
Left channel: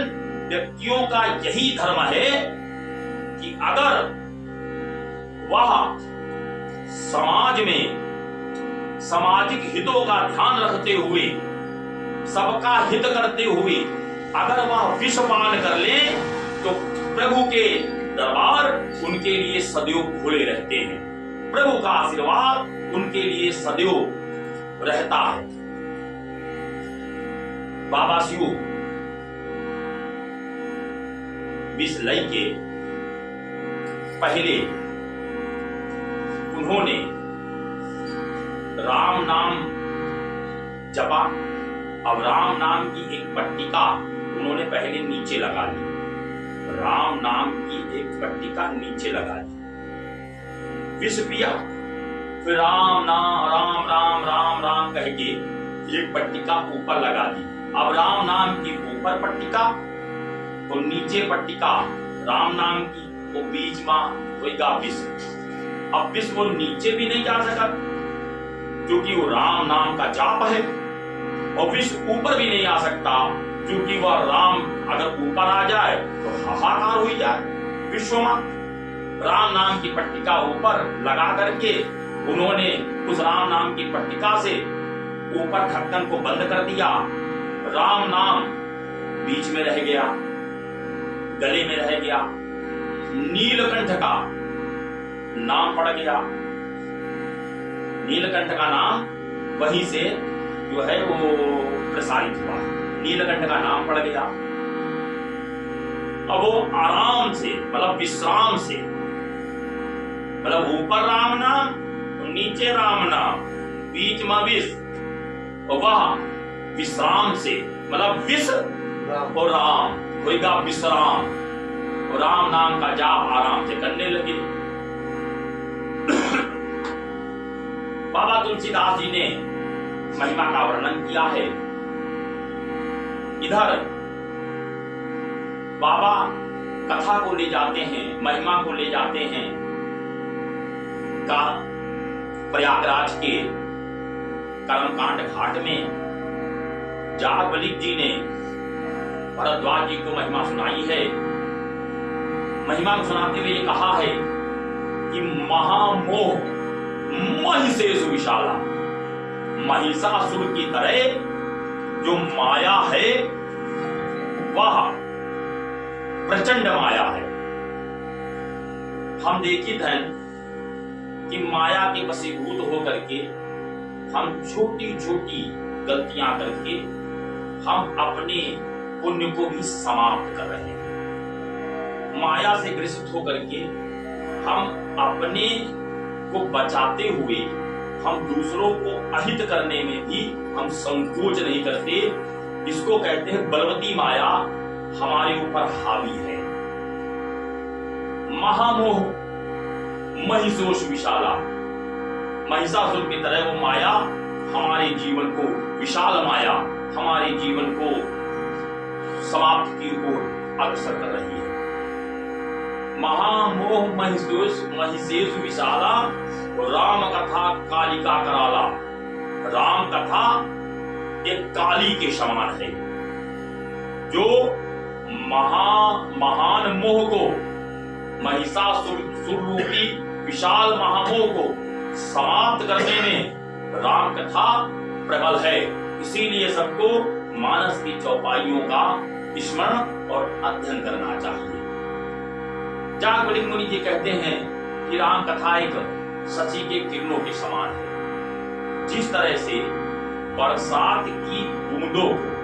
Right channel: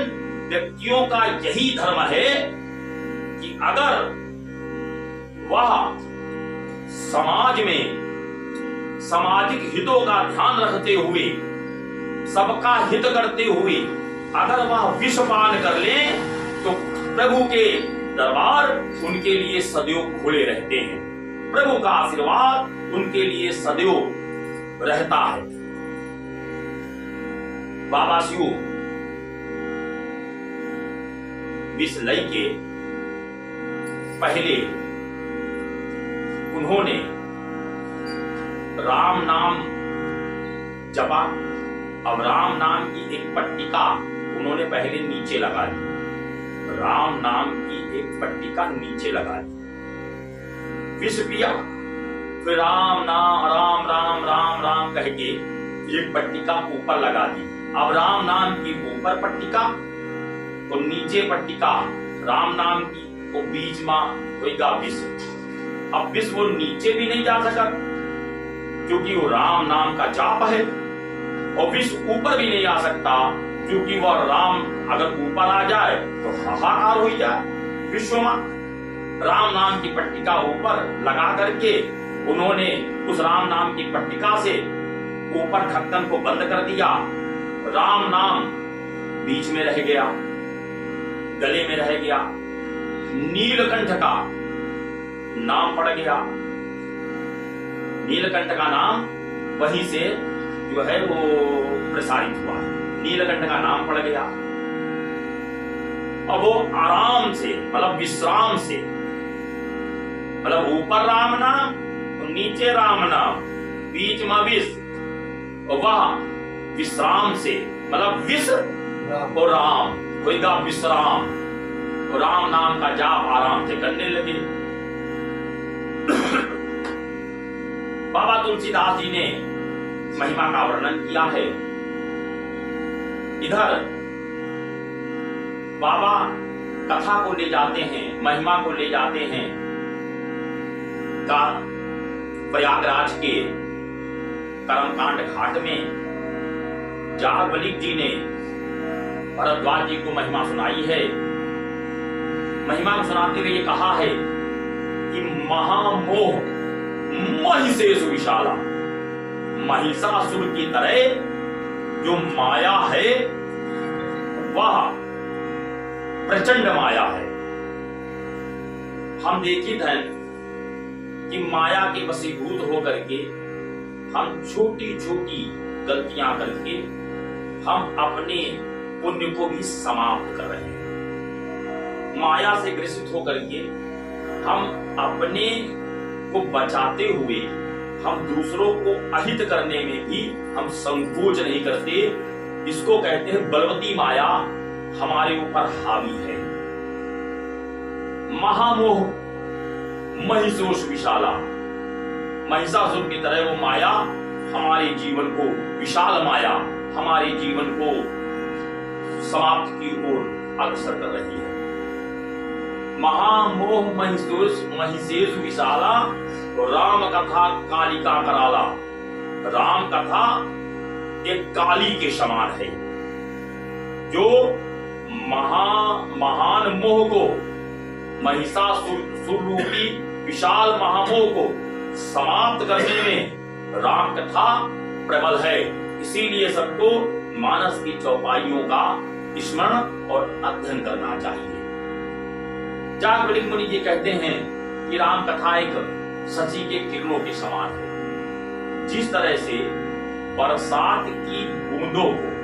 व्यक्तियों का यही धर्म है कि अगर वह समाज में सामाजिक हितों का ध्यान रखते हुए, सबका हित करते हुए अगर वह विष पान कर ले तो प्रभु के दरबार उनके लिए सदैव खुले रहते हैं, प्रभु का आशीर्वाद उनके लिए सदैव रहता है। बाबा शिव विष लई के पहले उन्होंने राम नाम जपा। अब राम नाम की एक पट्टिका उन्होंने पहले नीचे लगा ली, राम नाम की एक पट्टिका नीचे लगा दी, विष पिया, फिर राम नाम राम राम राम राम कह के एक पट्टिका ऊपर लगा दी। अब राम नाम की ऊपर पट्टिका तो नीचे पट्टिका राम नाम की, वो बीच में होगा विष। अब विष वो नीचे भी नहीं जा सका क्योंकि वो राम नाम का जाप है, और विष ऊपर भी नहीं आ सकता क्योंकि वह राम अगर ऊपर आ जाए तो हाहाकार हो जाए विश्व में। राम नाम की पट्टिका ऊपर लगा करके उन्होंने उस राम नाम की पट्टिका से ऊपर ढक्कन को बंद कर दिया। राम नाम बीच में रह गया, गले में रह गया, नीलकंठ का नाम पड़ गया। नीलकंठ का नाम वहीं से जो है वो प्रसारित हुआ, नीलकंठ का नाम पड़ गया। अब वो आराम से मतलब विश्राम से, मतलब ऊपर राम नाम और नीचे राम नाम, बीच में विष, और वह विश्राम से मतलब विष और राम होगा विश्राम, और राम नाम का जाप आराम से करने लगे। बाबा तुलसीदास जी ने महिमा का वर्णन किया है। इधर बाबा कथा को ले जाते हैं, महिमा को ले जाते हैं का प्रयागराज के कर्मकांड घाट में जागवलिक जी ने भरद्वाज जी को महिमा सुनाई है। महिमा को सुनाते हुए ये कहा है कि महामोह महिषेषु विशाला, महिषासुर की तरह जो माया है वह प्रचंड माया है। हम देखित हैं कि माया के वशीभूत होकर के हम छोटी छोटी गलतियां करके हम अपने पुण्य को भी समाप्त कर रहे हैं। माया से ग्रसित होकर के हम अपने को बचाते हुए हम दूसरों को अहित करने में भी हम संकोच नहीं करते। इसको कहते हैं बलवती माया हमारे ऊपर हावी है। महामोह महिषोष विशाला, महिषासुर की तरह वो माया हमारे जीवन को, विशाल माया हमारे जीवन को समाप्त की ओर अग्रसर कर रही है। महामोह महिषेषु विशाला, राम कथा कालिका कराला। राम कथा एक काली के समान है जो महान मोह को, महिषासुर रूपी विशाल महामोह को समाप्त करने में राम कथा प्रबल है। इसीलिए सबको मानस की चौपाइयों का स्मरण और अध्ययन करना चाहिए। जागवलिक मुनि जी कहते हैं कि राम कथा एक शशि के किरणों के समान है। जिस तरह से बरसात की बूंदों को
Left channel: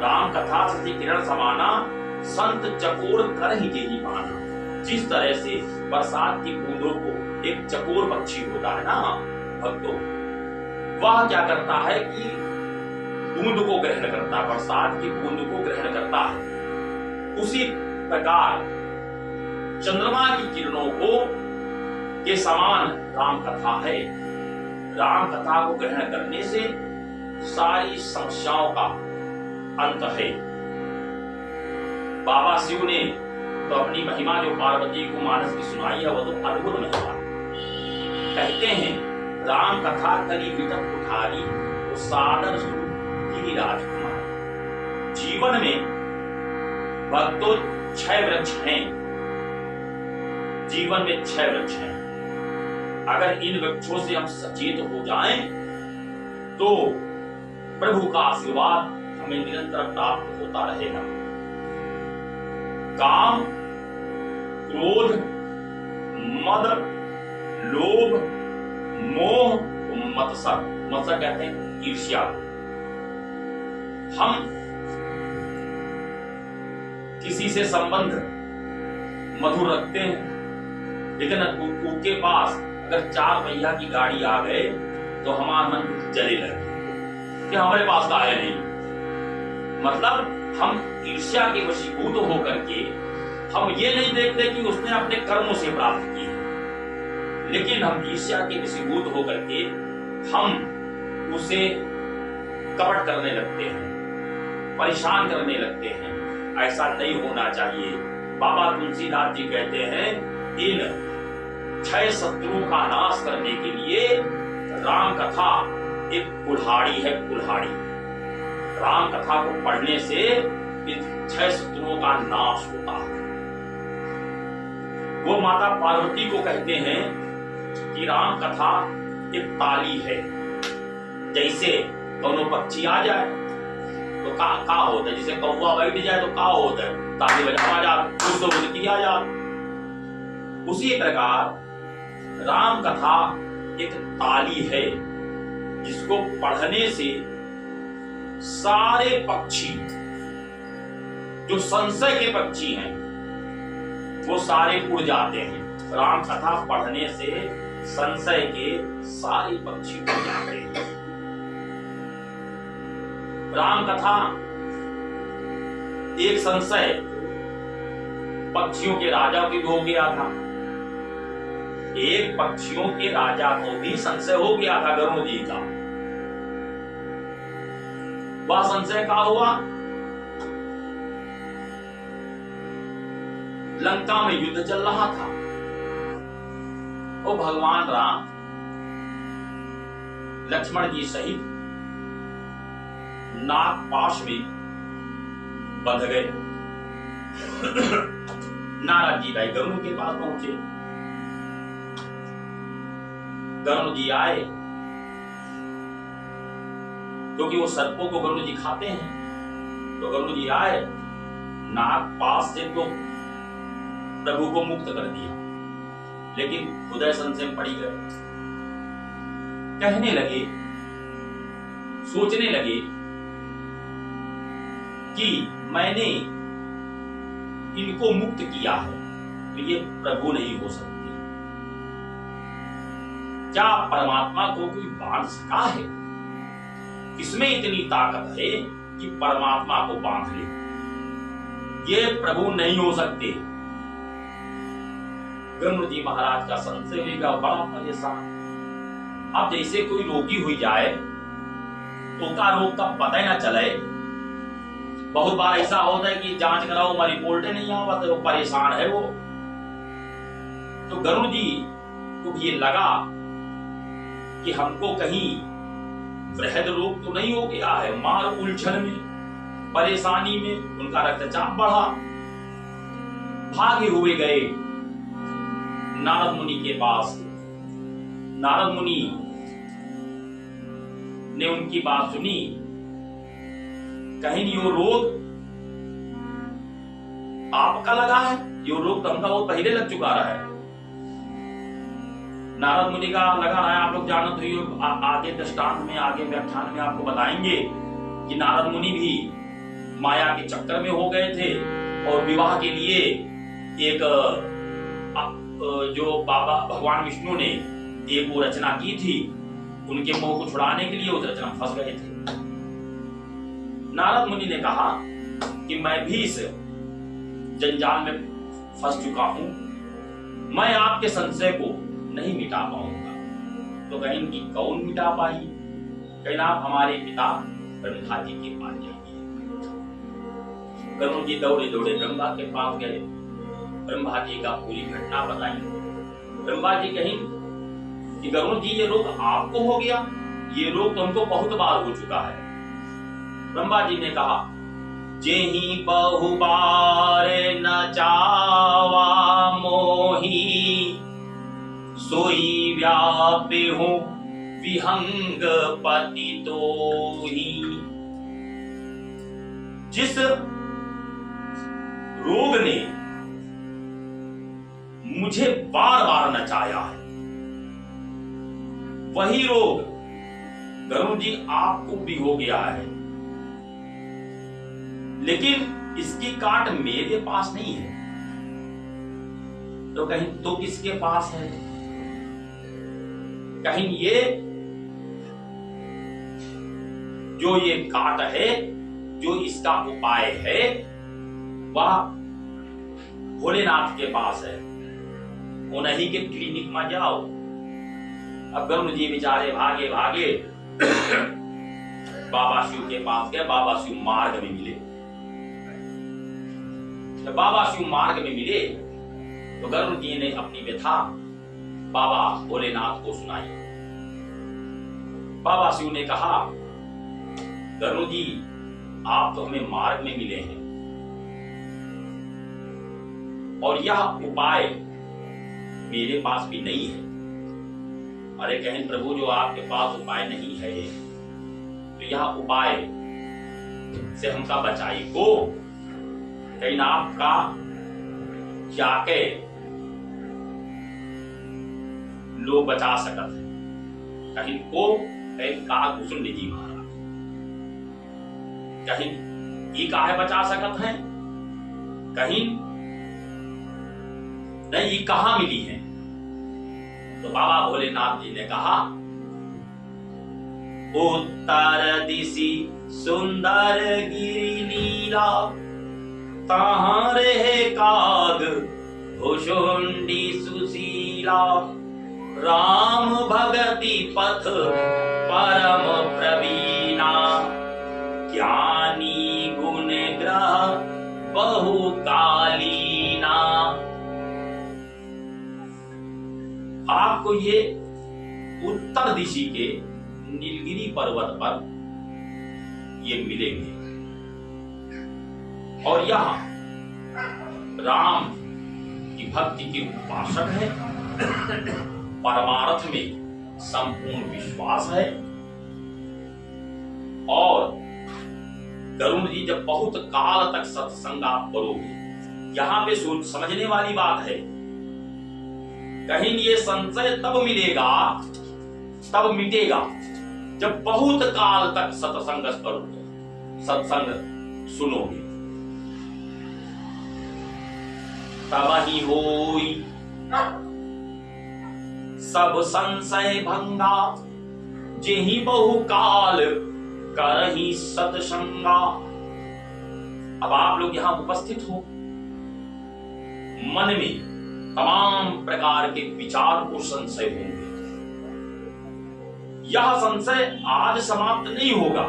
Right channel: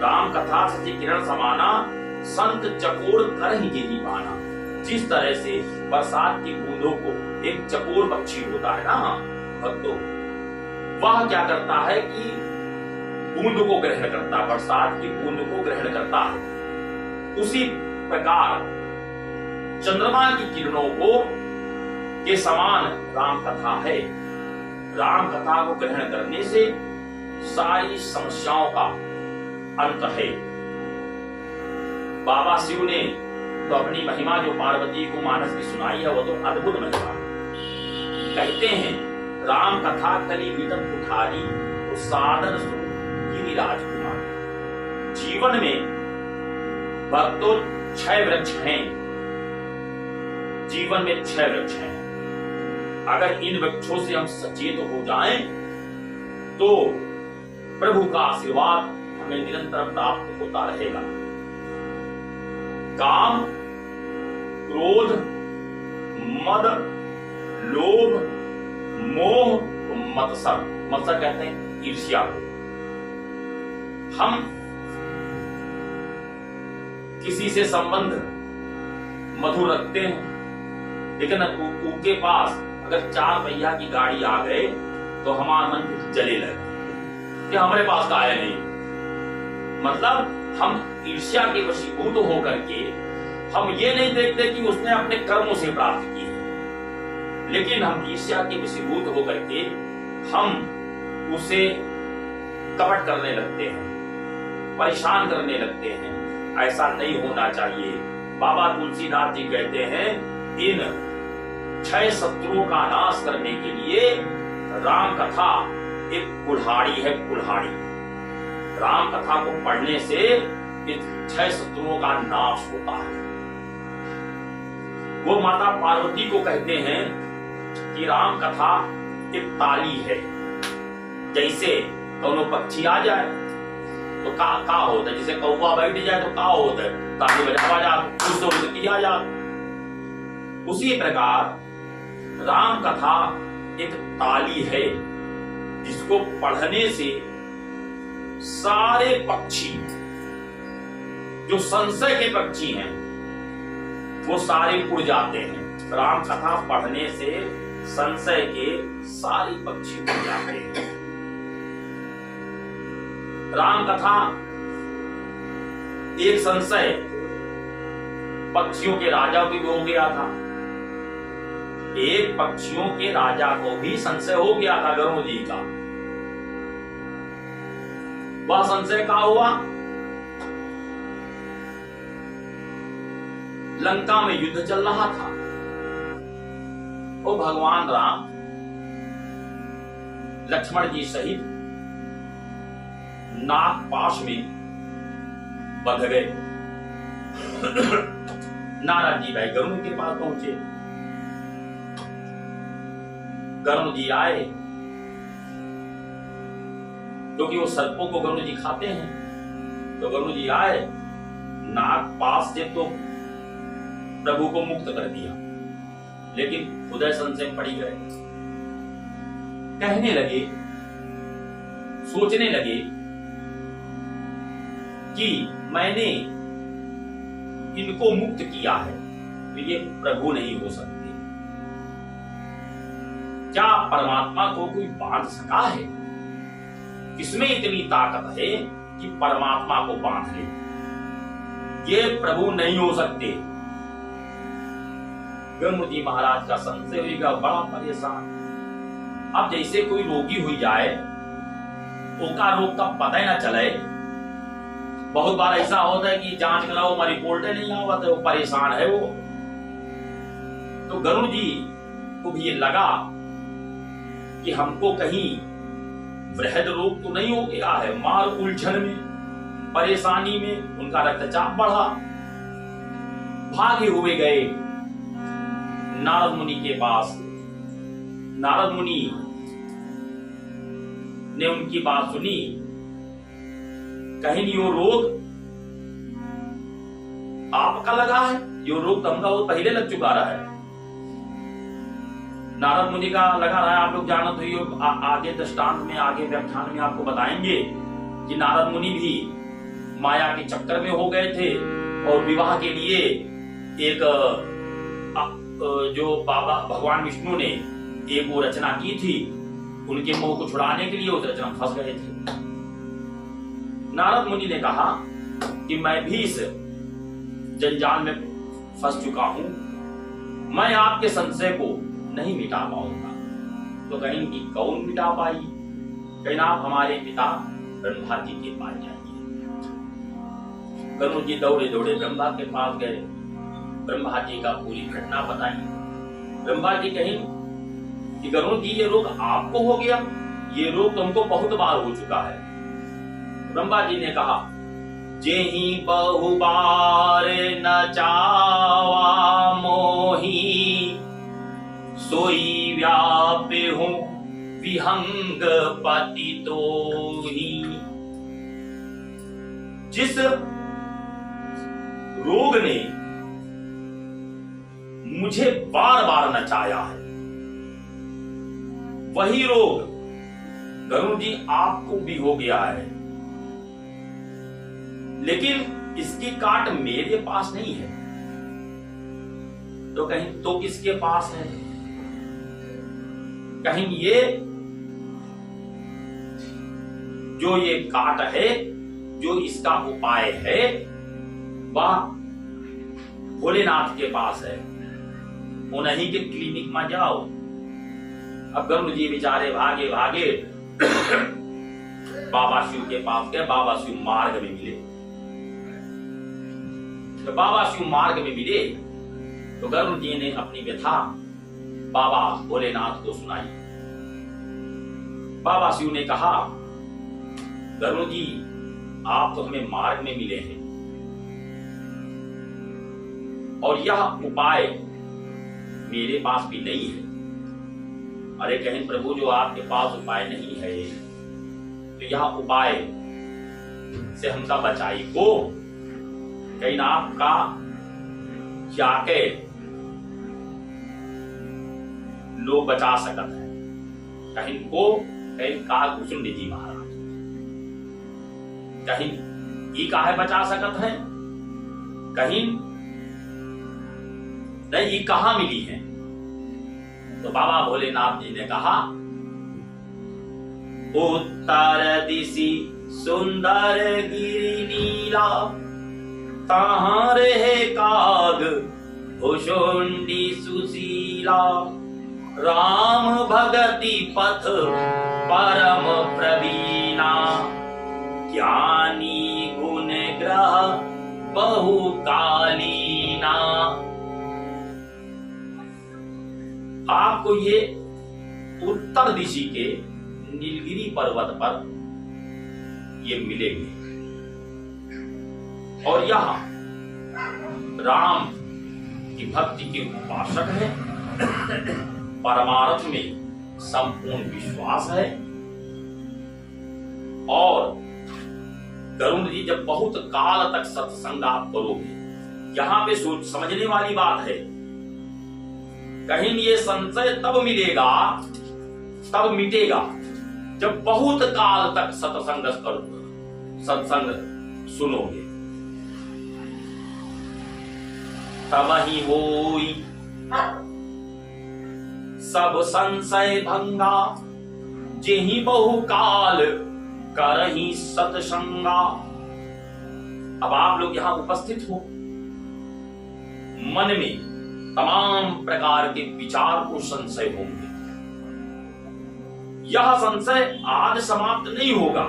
राम कथा शशि किरण समाना, संत चकोर कर ही जेहि पाना। जिस तरह से बरसात की बूंदों को एक चकोर पक्षी होता है ना भक्तों, वह क्या करता है कि बूंद को ग्रहण करता है, बरसात की बूंद को ग्रहण करता है। उसी प्रकार चंद्रमा की किरणों को के समान राम कथा है। राम कथा को ग्रहण करने से सारी समस्याओं का अंत है। बाबा शिव ने तो अपनी महिमा जो पार्वती को मानस की सुनाई है वो तो अद्भुत महिमा। कहते हैं राम कथा कली विटप उठारी तो सादर सुन गिरी राजकुमार। जीवन में भक्तों 6 वृक्ष हैं। जीवन में 6 वृक्ष हैं। अगर इन वृक्षों से हम सचेत हो जाएं तो प्रभु का आशीर्वाद हमें निरंतर प्राप्त होता रहेगा। काम, क्रोध, मद, लोभ, मोह, मत्सर। मत्सर कहते हैं ईर्ष्या। हम किसी से संबंध मधुर रखते हैं, लेकिन उनके पास अगर 4 पहिया की गाड़ी आ गए तो हमारा मन जले लगे कि हमारे पास का है नहीं। मतलब हम ईर्ष्या के वशीभूत होकर के हम ये नहीं देखते कि उसने अपने कर्मों से प्राप्त की, लेकिन हम ईर्ष्या के वशीभूत होकर के हम उसे कपट करने लगते हैं, परेशान करने लगते हैं। ऐसा नहीं होना चाहिए। बाबा तुलसीदास जी कहते हैं इन 6 शत्रुओं का नाश करने के लिए राम कथा एक कुल्हाड़ी है। कुल्हाड़ी राम कथा को पढ़ने से इन 6 शत्रुओं का नाश होता है। वो माता पार्वती को कहते हैं कि राम कथा एक ताली है। जैसे दोनों पक्षी आ जाए तो का होता है, जैसे कौवा बैठ जाए तो का होता है, ताली बजा जा कुछ तो उनकी आ जा। उसी प्रकार राम कथा एक ताली है जिसको पढ़ने से सारे पक्षी जो संशय के पक्षी हैं वो सारे उड़ जाते हैं। राम कथा पढ़ने से संशय के सारे पक्षी उड़ जाते हैं। राम कथा एक संशय पक्षियों के राजा को भी हो गया था। एक पक्षियों के राजा को भी संशय हो गया था गरुड़ जी का। वह संशय का हुआ, लंका में युद्ध चल रहा था। वो भगवान राम लक्ष्मण जी सहित नाग पाश में बंध गए। नारद जी भाई गरुड़ के पास पहुंचे। गरुड़ जी आए, क्योंकि वो सर्पों को गरुड़ जी खाते हैं। तो गरुड़ जी आए, नाग पास से तो प्रभु को मुक्त कर दिया, लेकिन हृदय संशय में पड़ी गए। कहने लगे, सोचने लगे कि मैंने इनको मुक्त किया है, तो ये प्रभु नहीं हो सकते। क्या परमात्मा को कोई बांध सका है? किसमें इतनी ताकत है कि परमात्मा को बांध ले? ये प्रभु नहीं हो सकते। गरुड़ जी महाराज का संशय होगा, बड़ा परेशान। अब जैसे कोई रोगी हुई जाए तो का रोग का पता ही ना चले। बहुत बार ऐसा होता है कि जांच कराओ, हमारी रिपोर्टें नहीं आवा, तो परेशान है वो। तो गरुड़ जी को भी ये लगा कि हमको कहीं वृहद रोग तो नहीं हो गया है। मार उलझन में, परेशानी में उनका रक्तचाप बढ़ा, भागे हुए गए नारद मुनि के पास। नारद मुनि ने उनकी बात सुनी, कहीं यो रोग आपका लगा है? यो रोग तो हमका बहुत पहले लग चुका रहा है। नारद मुनि का लगा रहा है। आप लोग जानते हो, आगे दृष्टांत में, आगे व्याख्यान में आपको बताएंगे कि नारद मुनि भी माया के चक्कर में हो गए थे और विवाह के लिए एक जो बाबा भगवान विष्णु ने एक वो रचना की थी, उनके मोह को छुड़ाने के लिए उस रचना में फंस गए थे। नारद मुनि ने कहा कि मैं भी इस जंजाल में फंस चुका हूं, मैं आपके संशय को नहीं मिटा पाऊंगा। तो कहीं कि कौन मिटा पाई? कहीं आप हमारे पिता ब्रह्मा जी के पास जाइए। गरुड़ जी दौड़े दौड़े ब्रह्मा के पास गए, ब्रह्मा जी का पूरी घटना बताई। ब्रह्मा जी कहीं कि गरुड़ जी ये रोग आपको हो गया? ये रोग तुमको बहुत बार हो चुका है। ब्रह्मा जी ने कहा, जेहि बहु बार न चावा मोही, सोई व्यापे हो विहंग पति तोही। जिस रोग ने मुझे बार बार नचाया है, वही रोग गरुड़ जी आपको भी हो गया है, लेकिन इसकी काट मेरे पास नहीं है। तो कहीं तो किसके पास है? कहीं ये जो ये काट है, जो इसका उपाय है, वह भोलेनाथ के पास है। उन्हीं के क्लिनिक में जाओ। अब गरुड़ जी बेचारे भागे भागे बाबा शिव के पास गए। बाबा शिव मार्ग में मिले। तो बाबा शिव मार्ग में मिले तो गरुड़ जी ने अपनी व्यथा बाबा भोलेनाथ को सुनाई। बाबा शिव ने कहा, गरुड़ जी आप तो हमें मार्ग में मिले हैं और यह उपाय मेरे पास भी नहीं है। अरे कहीं प्रभु जो आपके पास उपाय नहीं है, तो यह उपाय से हमका बचाई को कहीं आपका क्या के लोग बचा सकत है। कहीं को कहीं का कुसुम जी महाराज कहीं ही काहे बचा सकत है, कहीं नहीं ये कहां मिली है। तो बाबा भोलेनाथ जी ने कहा, उत्तर दिशि सुंदर गिरि नीला, तहां रहे काग भुषुंडी सुशीला, राम भगति पथ परम प्रवीणा, ज्ञानी गुण ग्रह बहु कालीना। आपको ये उत्तर दिशि के नीलगिरी पर्वत पर ये मिलेंगे। और यहाँ राम की भक्ति के उपासक है, परमार्थ में संपूर्ण विश्वास है। और गरुड़ जी जब बहुत काल तक सत्संग आप करोगे, यहां पे सोच समझने वाली बात है, कहीं ये संशय तब मिलेगा, तब मिटेगा जब बहुत काल तक सत्संग करोगे, सत्संग सुनोगे, तब ही होई सब संशय भंगा, जेहि बहु काल करहि सत्संगा। अब आप लोग यहां उपस्थित हो, मन में तमाम प्रकार के विचार और संशय होंगे। यह संशय आज समाप्त नहीं होगा।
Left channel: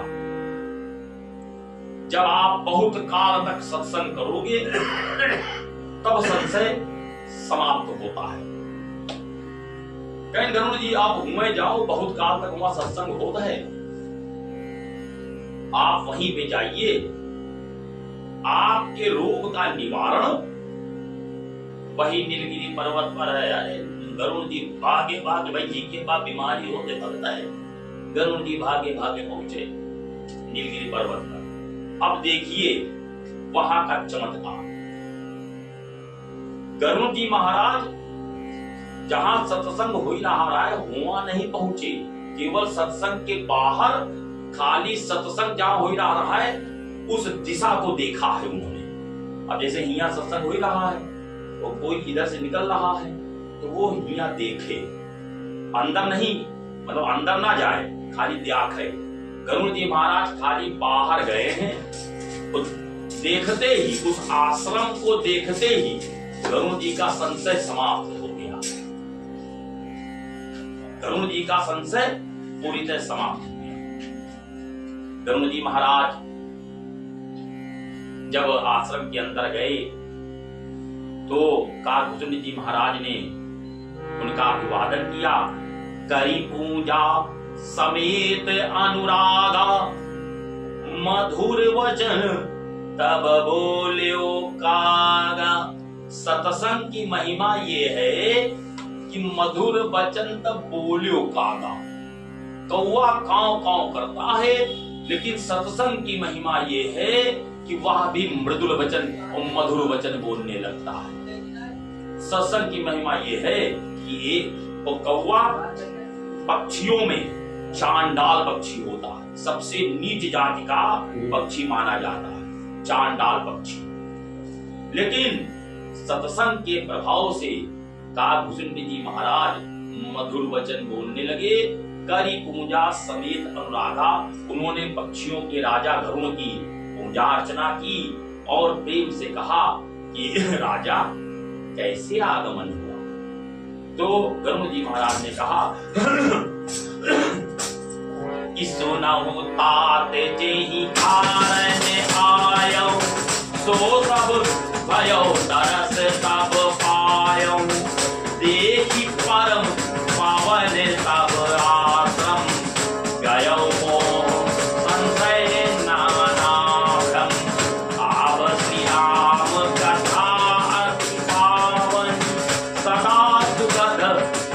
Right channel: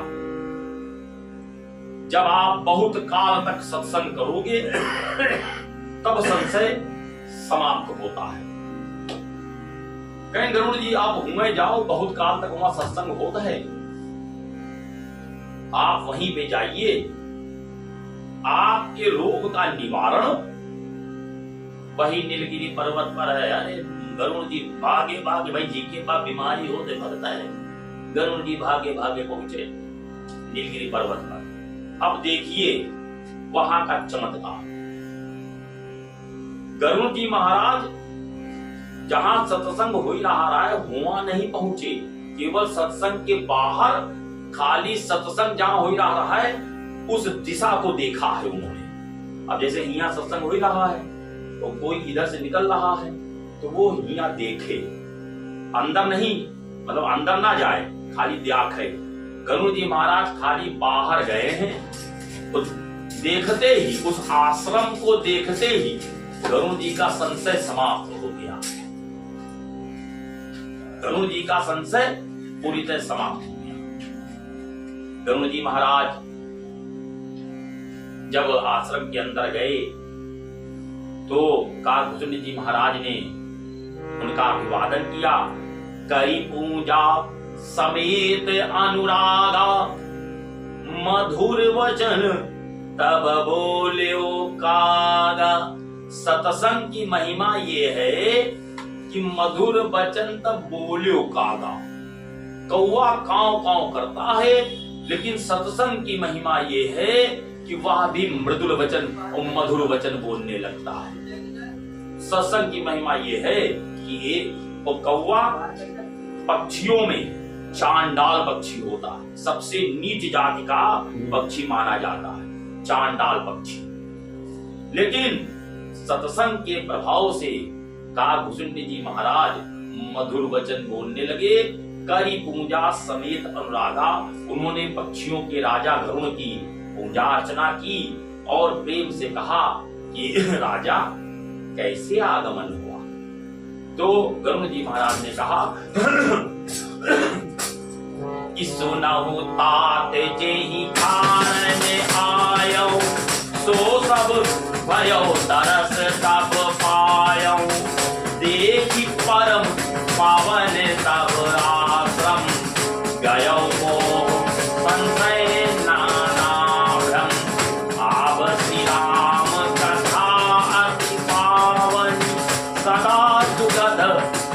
जब आप बहुत काल तक सत्संग करोगे तब संशय समाप्त होता है। कहीं गरुड़ जी आप घूमे जाओ, बहुत काल तक वहां सत्संग होता है, आप वहीं पे जाइए, आपके रोग का निवारण वही नीलगिरी पर्वत पर है। अरे गरुड़ जी भागे भागे, भाई जी के पास बीमारी होते भगता है, गरुड़ जी भागे भागे पहुंचे नीलगिरी पर्वत पर। अब देखिए वहां का चमत्कार। गरुड़ जी महाराज जहां सत्संग हो ही रहा है वहां नहीं पहुंचे, केवल सत्संग के बाहर खाली सत्संग जहां हो ही रहा है उस दिशा को देखा है उन्होंने। अब जैसे हिया सत्संग हो ही रहा है तो कोई इधर से निकल रहा है तो वो हिया देखे, अंदर नहीं, मतलब अंदर ना जाए, खाली देखे। गरुड़ जी महाराज खाली बाहर गए हैं तो देखते ही, उस आश्रम को देखते ही गरुड़ जी का संशय समाप्त हो गया। गरुड़ जी का संशय पूरी तरह समाप्त हो गया। गरुड़ जी महाराज जब आश्रम के अंदर गए तो काकभूषण जी महाराज ने उनका अभिवादन किया। करी पूजा समेत अनुरागा, मधुर वचन तब बोल्यो कागा। सत्संग की महिमा ये है कि मधुर वचन तब बोल्यो कागा। कौवा कांव कांव करता है, लेकिन सत्संग की महिमा ये है कि वह भी मृदुल वचन और मधुर वचन बोलने लगता है। सत्संग की महिमा ये है कि एक कौवा पक्षियों में चांडाल पक्षी होता है, सबसे नीच जाति का पक्षी माना जाता है चांडाल पक्षी। लेकिन सत्संग के प्रभाव से काकभूषण जी महाराज मधुर वचन बोलने लगे। करी पूजा समेत अनुराधा, उन्होंने पक्षियों के राजा गरुड़ की पूजा अर्चना की और प्रेम से कहा कि राजा कैसे आगमन हुआ। तो गरुड़ जी महाराज ने कहा कि सुनहु तात जेहि कारण आयो, सो सब भयो तरस तब पायो। देखी परम पावन तब आश्रम, गयो मोह संशय नाना भ्रम। आव श्री राम कथा अति पावन, सदा सुगध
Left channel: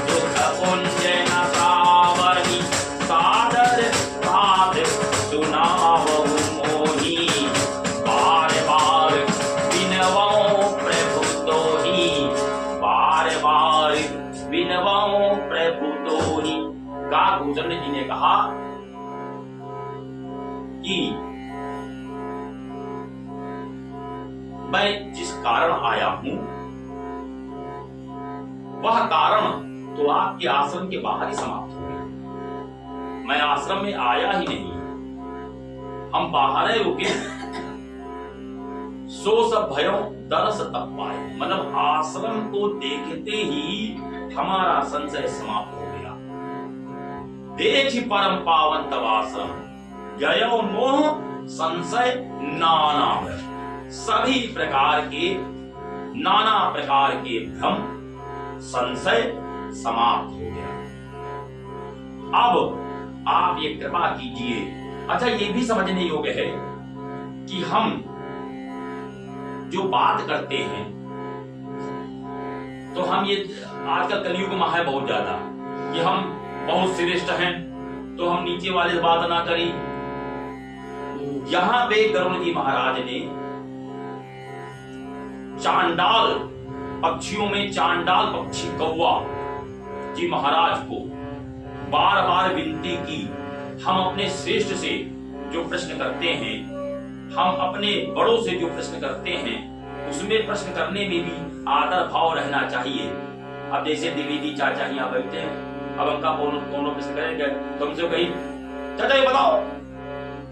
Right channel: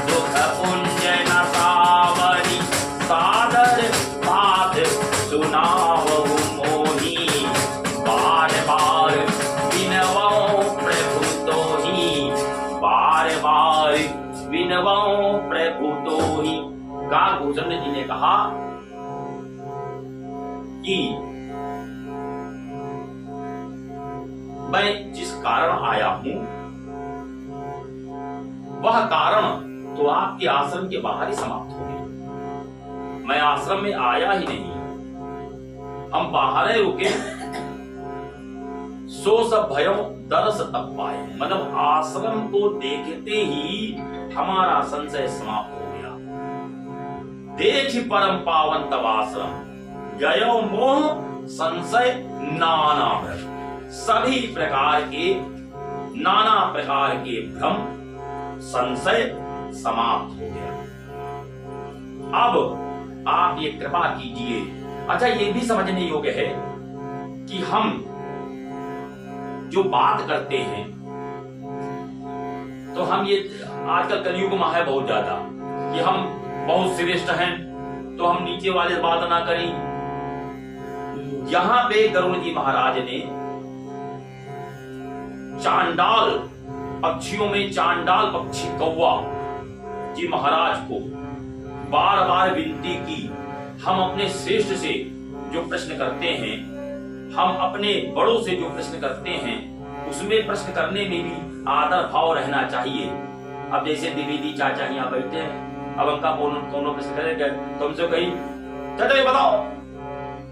दुख कुंजन सावरी। सादर साध सुनावहु मोहि, बार बार विनवौ प्रभु तोहि। बार बार विनवौ प्रभु तोहि। काकभूषण जी ने कहा कि मैं जिस कारण आया हूं वह कारण तो आपके आश्रम के बाहर ही समाप्त हो गया। मैं आश्रम में आया ही नहीं, हम बाहर ही रुके। सो सब भयो दरस तब पाए, मतलब आश्रम को देखते ही हमारा संशय समाप्त हो गया। देखी परम पावन तब आश्रम, गयो मोह संशय नाना भ्रम। सभी प्रकार के नाना प्रकार के भ्रम संशय समाप्त हो गया। अब आप ये कृपा कीजिए अच्छा, ये भी समझने योग्य है कि हम जो बात करते हैं, तो हम ये आजकल कलयुग में है बहुत ज्यादा कि हम बहुत श्रेष्ठ हैं, तो हम नीचे वाले से बात ना करें। यहां पे गरुड़ जी महाराज ने चांडाल पक्षियों में चांडाल पक्षी कौवा जी महाराज को बार बार विनती की। हम अपने श्रेष्ठ से जो प्रश्न करते हैं, हम अपने बड़ों से जो प्रश्न करते हैं, उसमें प्रश्न करने में भी आदर भाव रहना चाहिए। अब जैसे द्विवेदी चाचा यहाँ बैठे हैं, अब उनका कौन प्रश्न करेंगे तो हमसे कही चाचा ये बताओ।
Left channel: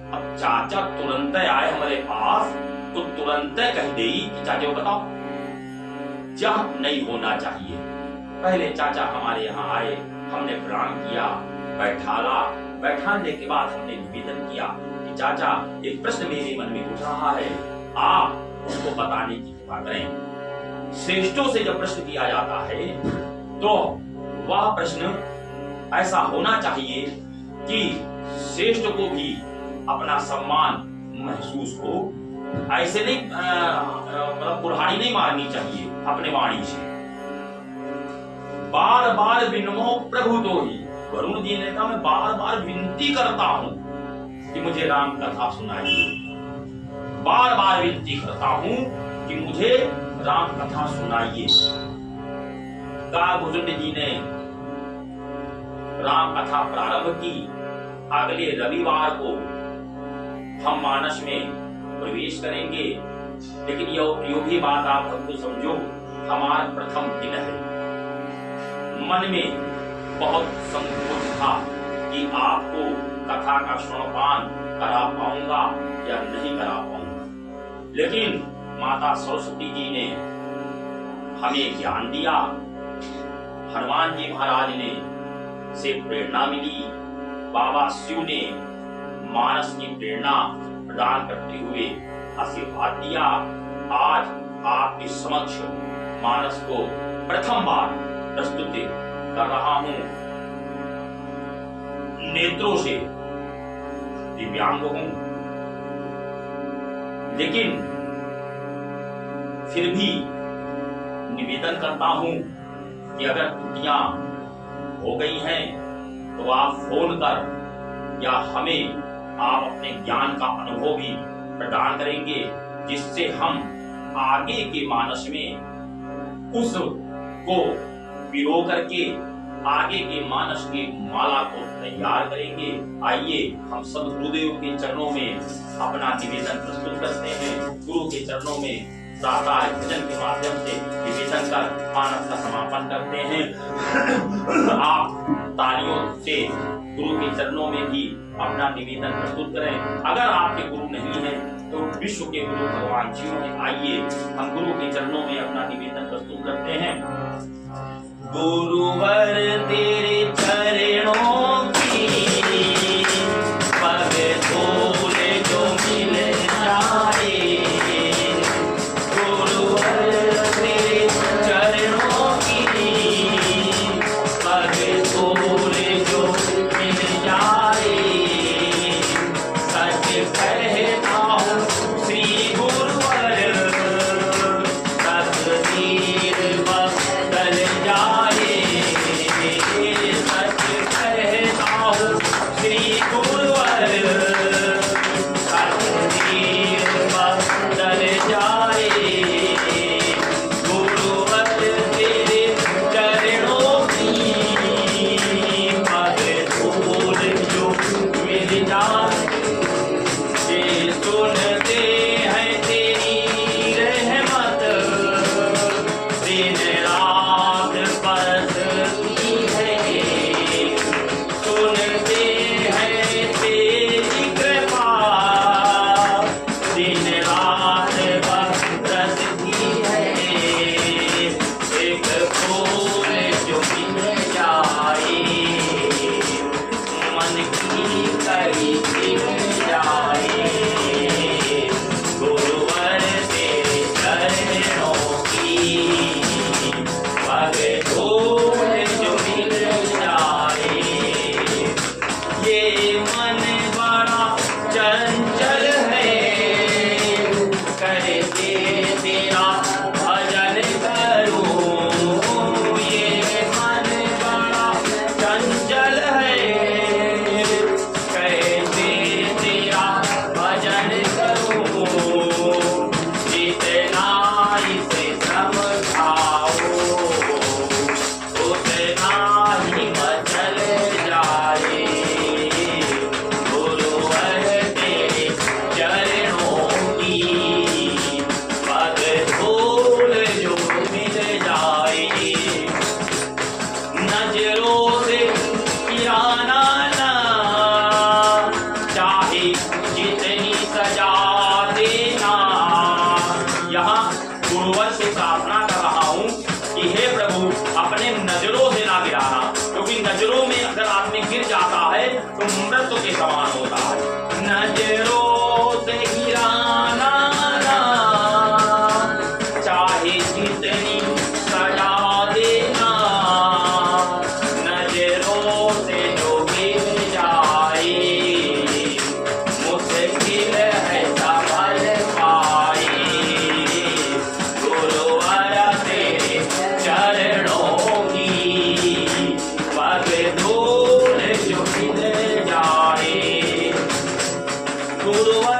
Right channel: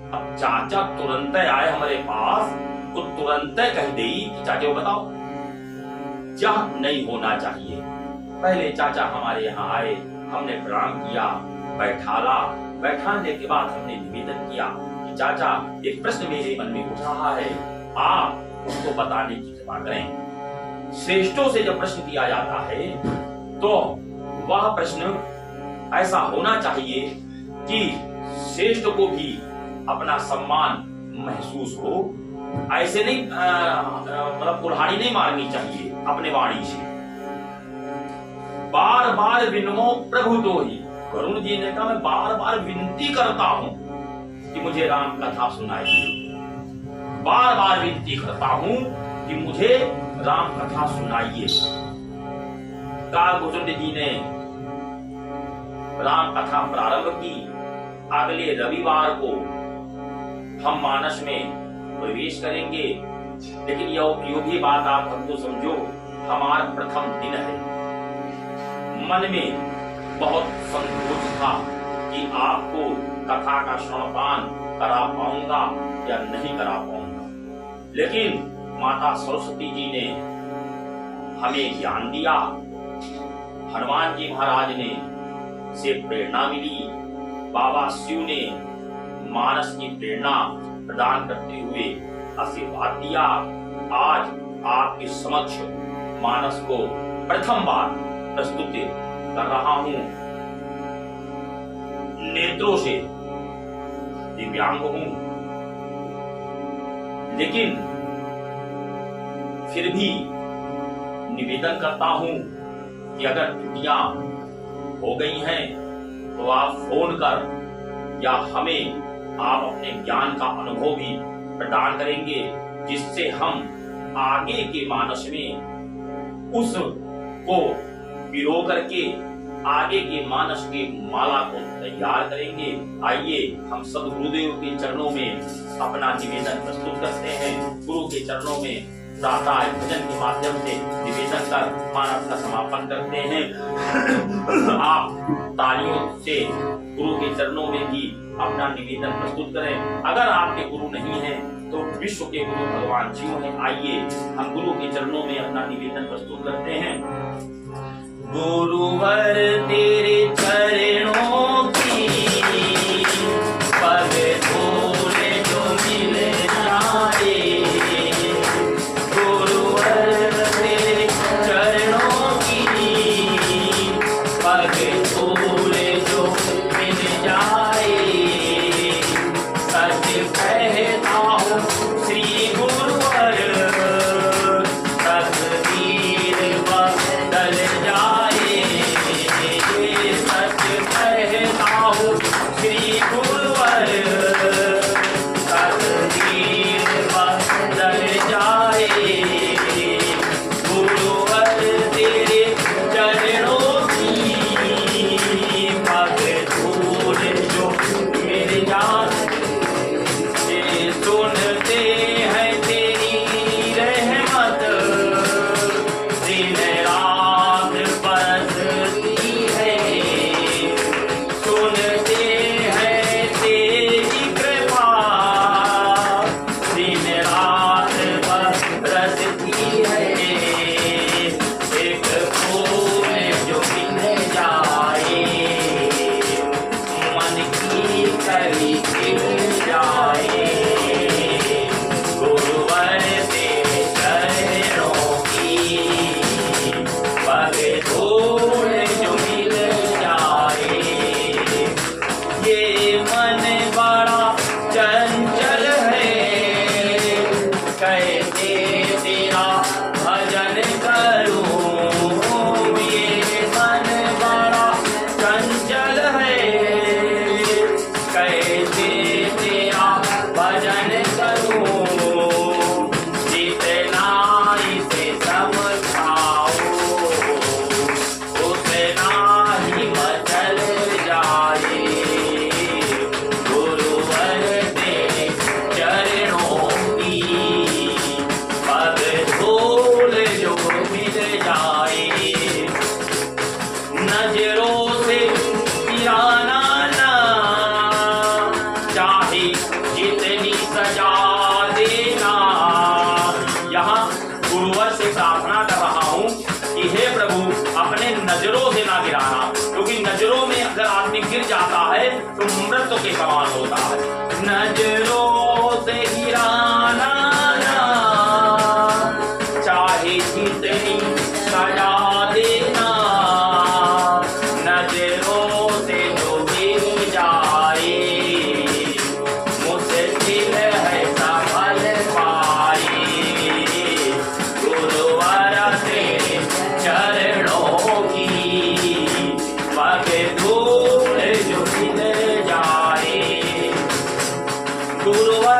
अब चाचा तुरंत आए हमारे पास तो तुरंत कह दे कि चाचा बताओ। यह नहीं होना चाहिए। पहले चाचा हमारे यहाँ आए, हमने प्रणाम किया, बैठाने के बाद हमने निवेदन किया कि चाचा एक प्रश्न मेरे मन में उठ रहा है, आप उसको बताने की कृपा करें। श्रेष्ठों से जब प्रश्न किया जाता है तो वह प्रश्न ऐसा होना चाहिए कि श्रेष्ठ को भी अपना सम्मान महसूस हो। ऐसे नहीं मतलब कुल्हाड़ी नहीं मारनी चाहिए अपने वाणी से। बार बार विनमो प्रभु तो ही, वरुण जी ने कहा मैं बार बार विनती करता हूं कि मुझे राम कथा सुनाइए, बार बार विनती करता हूं कि मुझे राम कथा सुनाइए। कालभुजुंड जी ने राम कथा प्रारंभ की। अगले रविवार को हम मानस में प्रवेश करेंगे, लेकिन यो भी बात आप हमको समझो, हमारा प्रथम दिन है। मन में बहुत संकोच था कि आपको कथा का श्रवणपान करा पाऊंगा या नहीं करा पाऊंगा, लेकिन माता सरस्वती जी ने हमें ज्ञान दिया, हनुमान जी महाराज ने से प्रेरणा मिली, बाबा शिव ने मानस की प्रेरणा प्रदान करते हुए आशीर्वाद दिया। आज आपके समक्ष मानस को प्रथम बार प्रस्तुत कर रहा हूं। नेत्रों से दिव्यांग हूं, लेकिन फिर भी निवेदन करता हूं कि अगर त्रुटियां हो गई हैं तो आप फोन कर या हमें आप अपने ज्ञान का अनुभव भी प्रदान करेंगे, जिससे हम आगे के मानस में उस को पिरो करके आगे के मानस के माला को तैयार करेंगे। आइए हम सब गुरुदेव के चरणों में अपना निवेदन प्रस्तुत करते हैं। गुरु के चरणों में प्रातः भजन के माध्यम से निवेदन कर मानस का समापन करते हैं। आप तालियों से गुरु के चरणों में भी अपना निवेदन प्रस्तुत करें। अगर आपके गुरु नहीं हैं तो विश्व के गुरु भगवान शिव हैं। आइए हम गुरु के चरणों में अपना निवेदन प्रस्तुत करते हैं। गुरुवर तेरे चरणों की पग धूल जो मिल जाए, गुरुवर तेरे चरणों की पग धूल जो मिल जाए, सच कहता हूँ श्री गुरुवर तकदीर बदल जाए, सच कहता हूँ श्री गुरुवर तकदीर बदल जाए, गुरुवर तेरे चरणों की पग धूल जो मिल जाए, सुनते हैं तेरी रहमत दिन रात बरसती है, सुनते हैं तेरी कृपा दिन रात बरसती है, एक फूल जो खिल जाए मन की कली खिल जाए।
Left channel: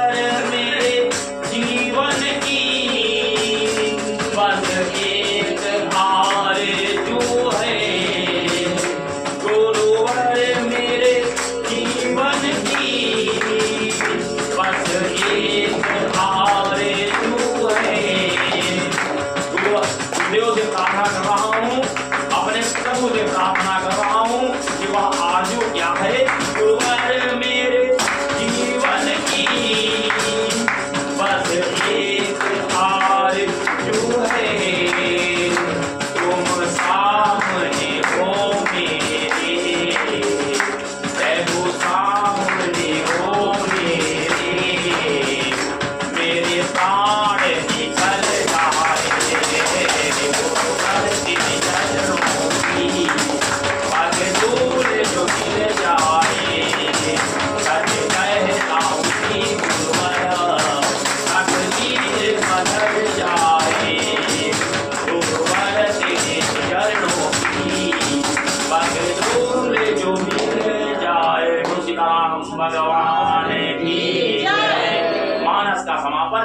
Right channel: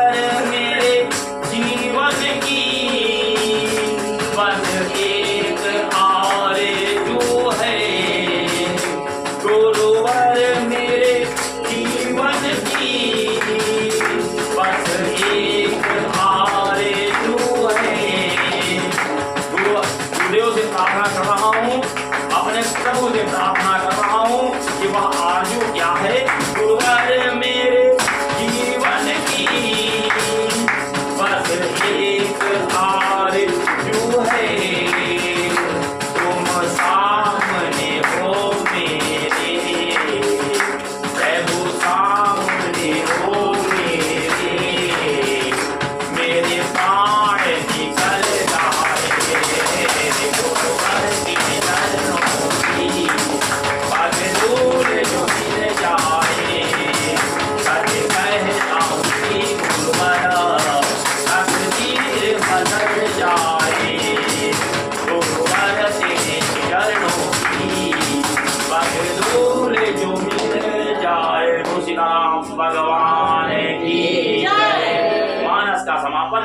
गुरुवर मेरे जीवन की बस एक आरज़ू है। गुरुवर मेरे जीवन की बस एक आरज़ू है। गुरुदेव से प्रार्थना कर रहा हूँ, अपने प्रभु से प्रार्थना कर रहा हूँ कि वह आरज़ू क्या है। गुरुवर मेरे जीवन की बस एक आरज़ू है। तुम सामने हो मेरे, प्रभु सामने हो मेरे प्राण निकल जाए पग दूर जो गिर जाए। सच कहता हूँ कि गुरुवर तकदीर बदल जाए। गुरुवर तेरे चरणों की पग दूर जो मिल जाए। तुलसी राम भगवान की जय। मानस का समापन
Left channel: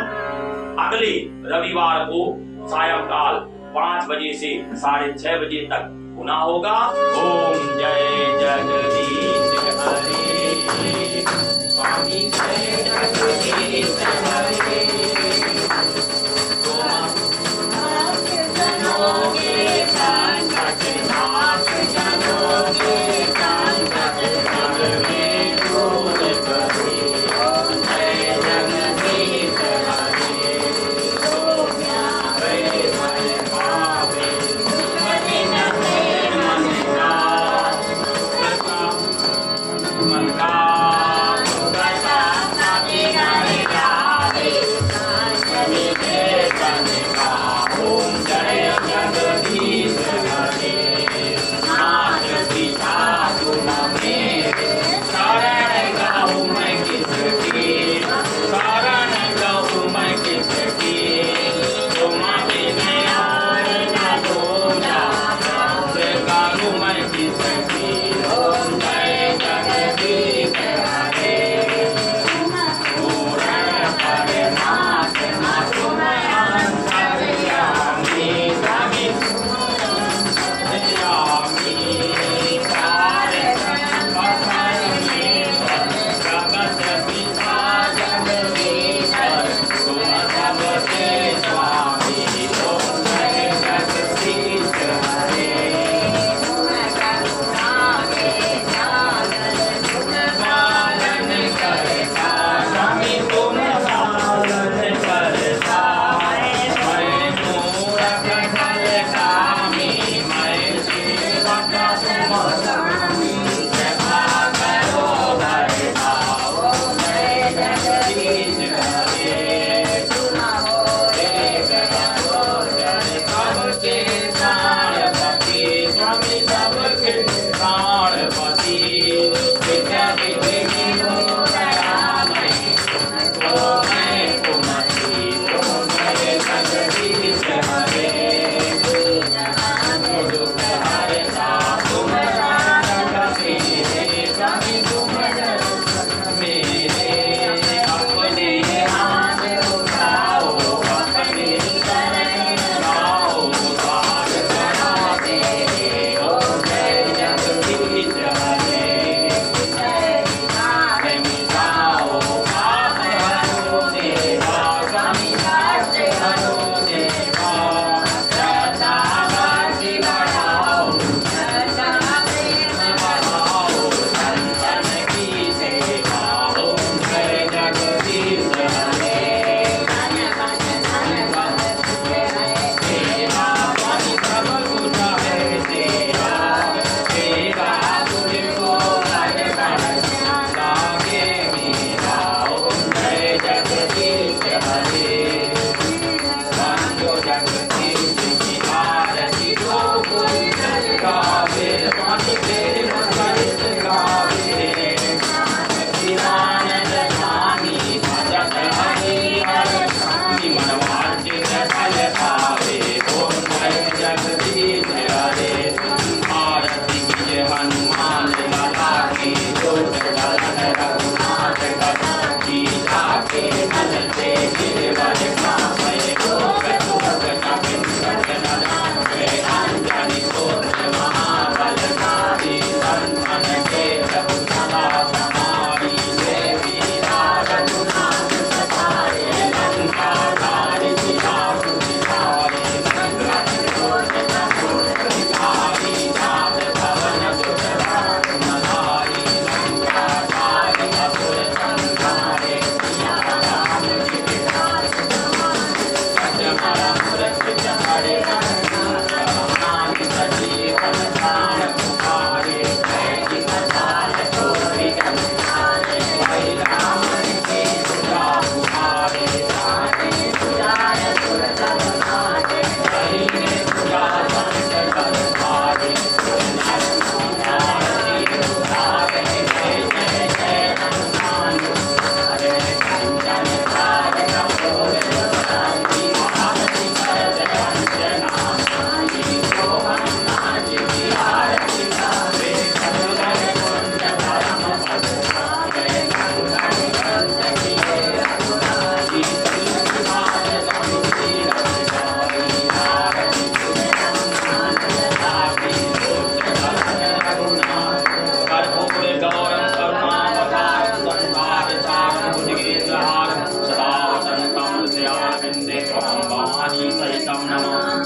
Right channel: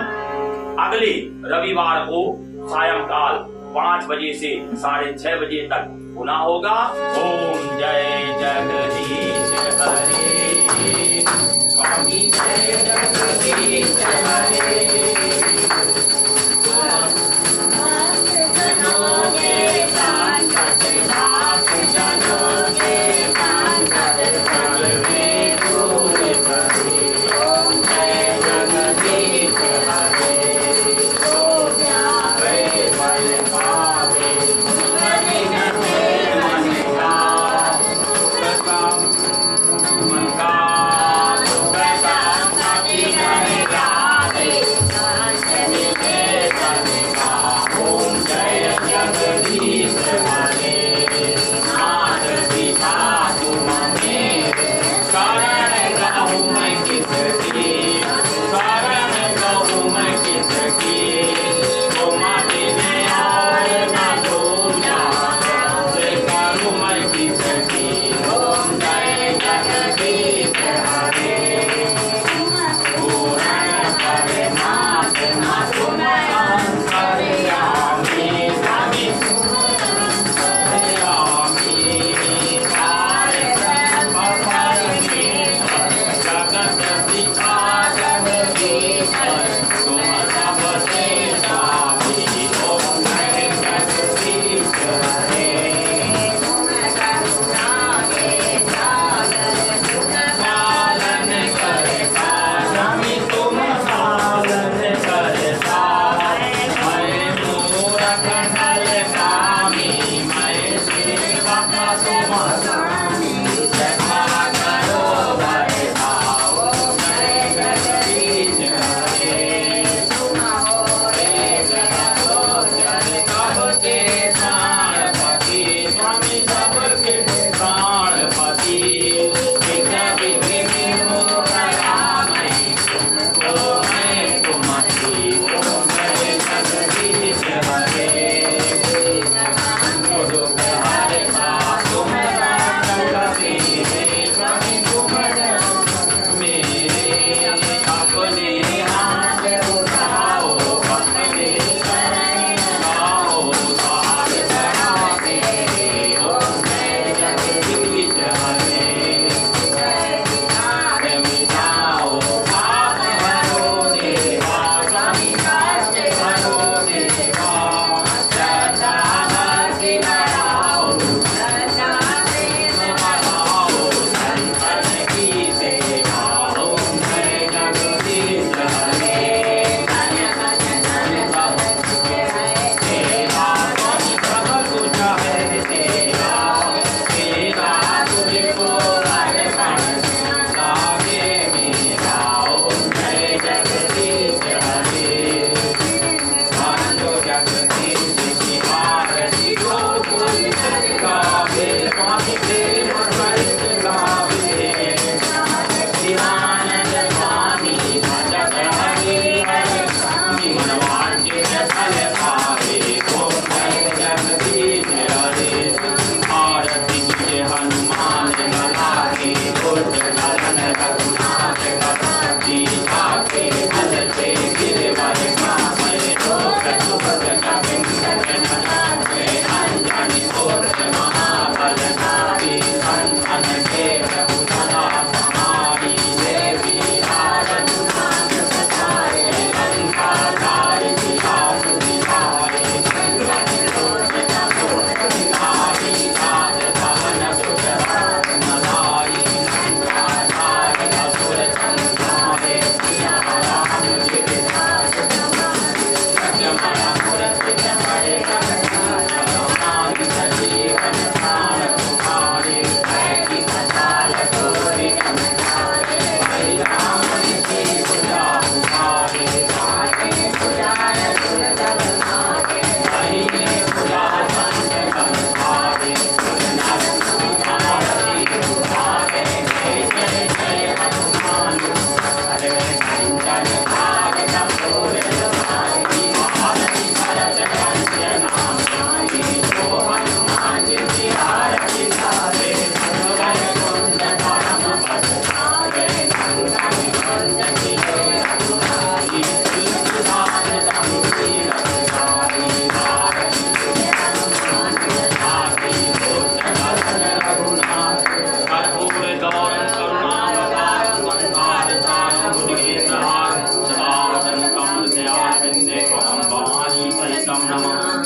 अगले रविवार को सायंकाल 5 बजे से 6:30 बजे तक पुनः होगा। ओम जय जगदीश हरे, स्वामी जय जगदीश हरे। मन का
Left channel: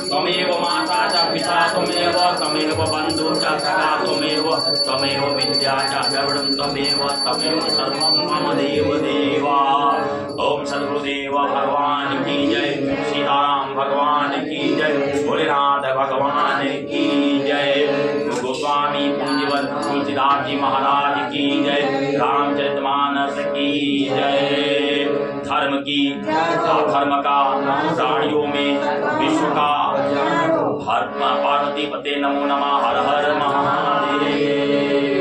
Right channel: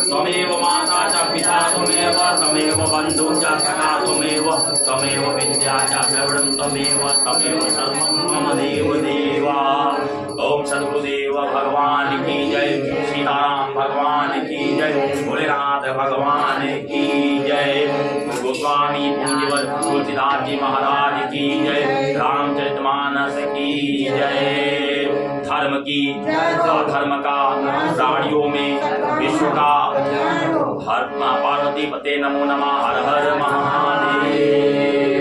त्वमेव माता च पिता त्वमेव बन्धु च सखा त्वमेव विद्या च द्रविणं त्वमेव सर्वं मम देव देवा। ओम सद्गुरुदेव भगवान की जय, सीताराम भगवान की जय, भोलेनाथ भगवान की जय, गोस्वामी पुण्यवत तुलसीदास जी महाराज की जय, रामचरितमानस की जय। धर्म की धर्म का प्राणियों में विश्व का हर पार्वती पते नमो नमः। हर हर महादेव।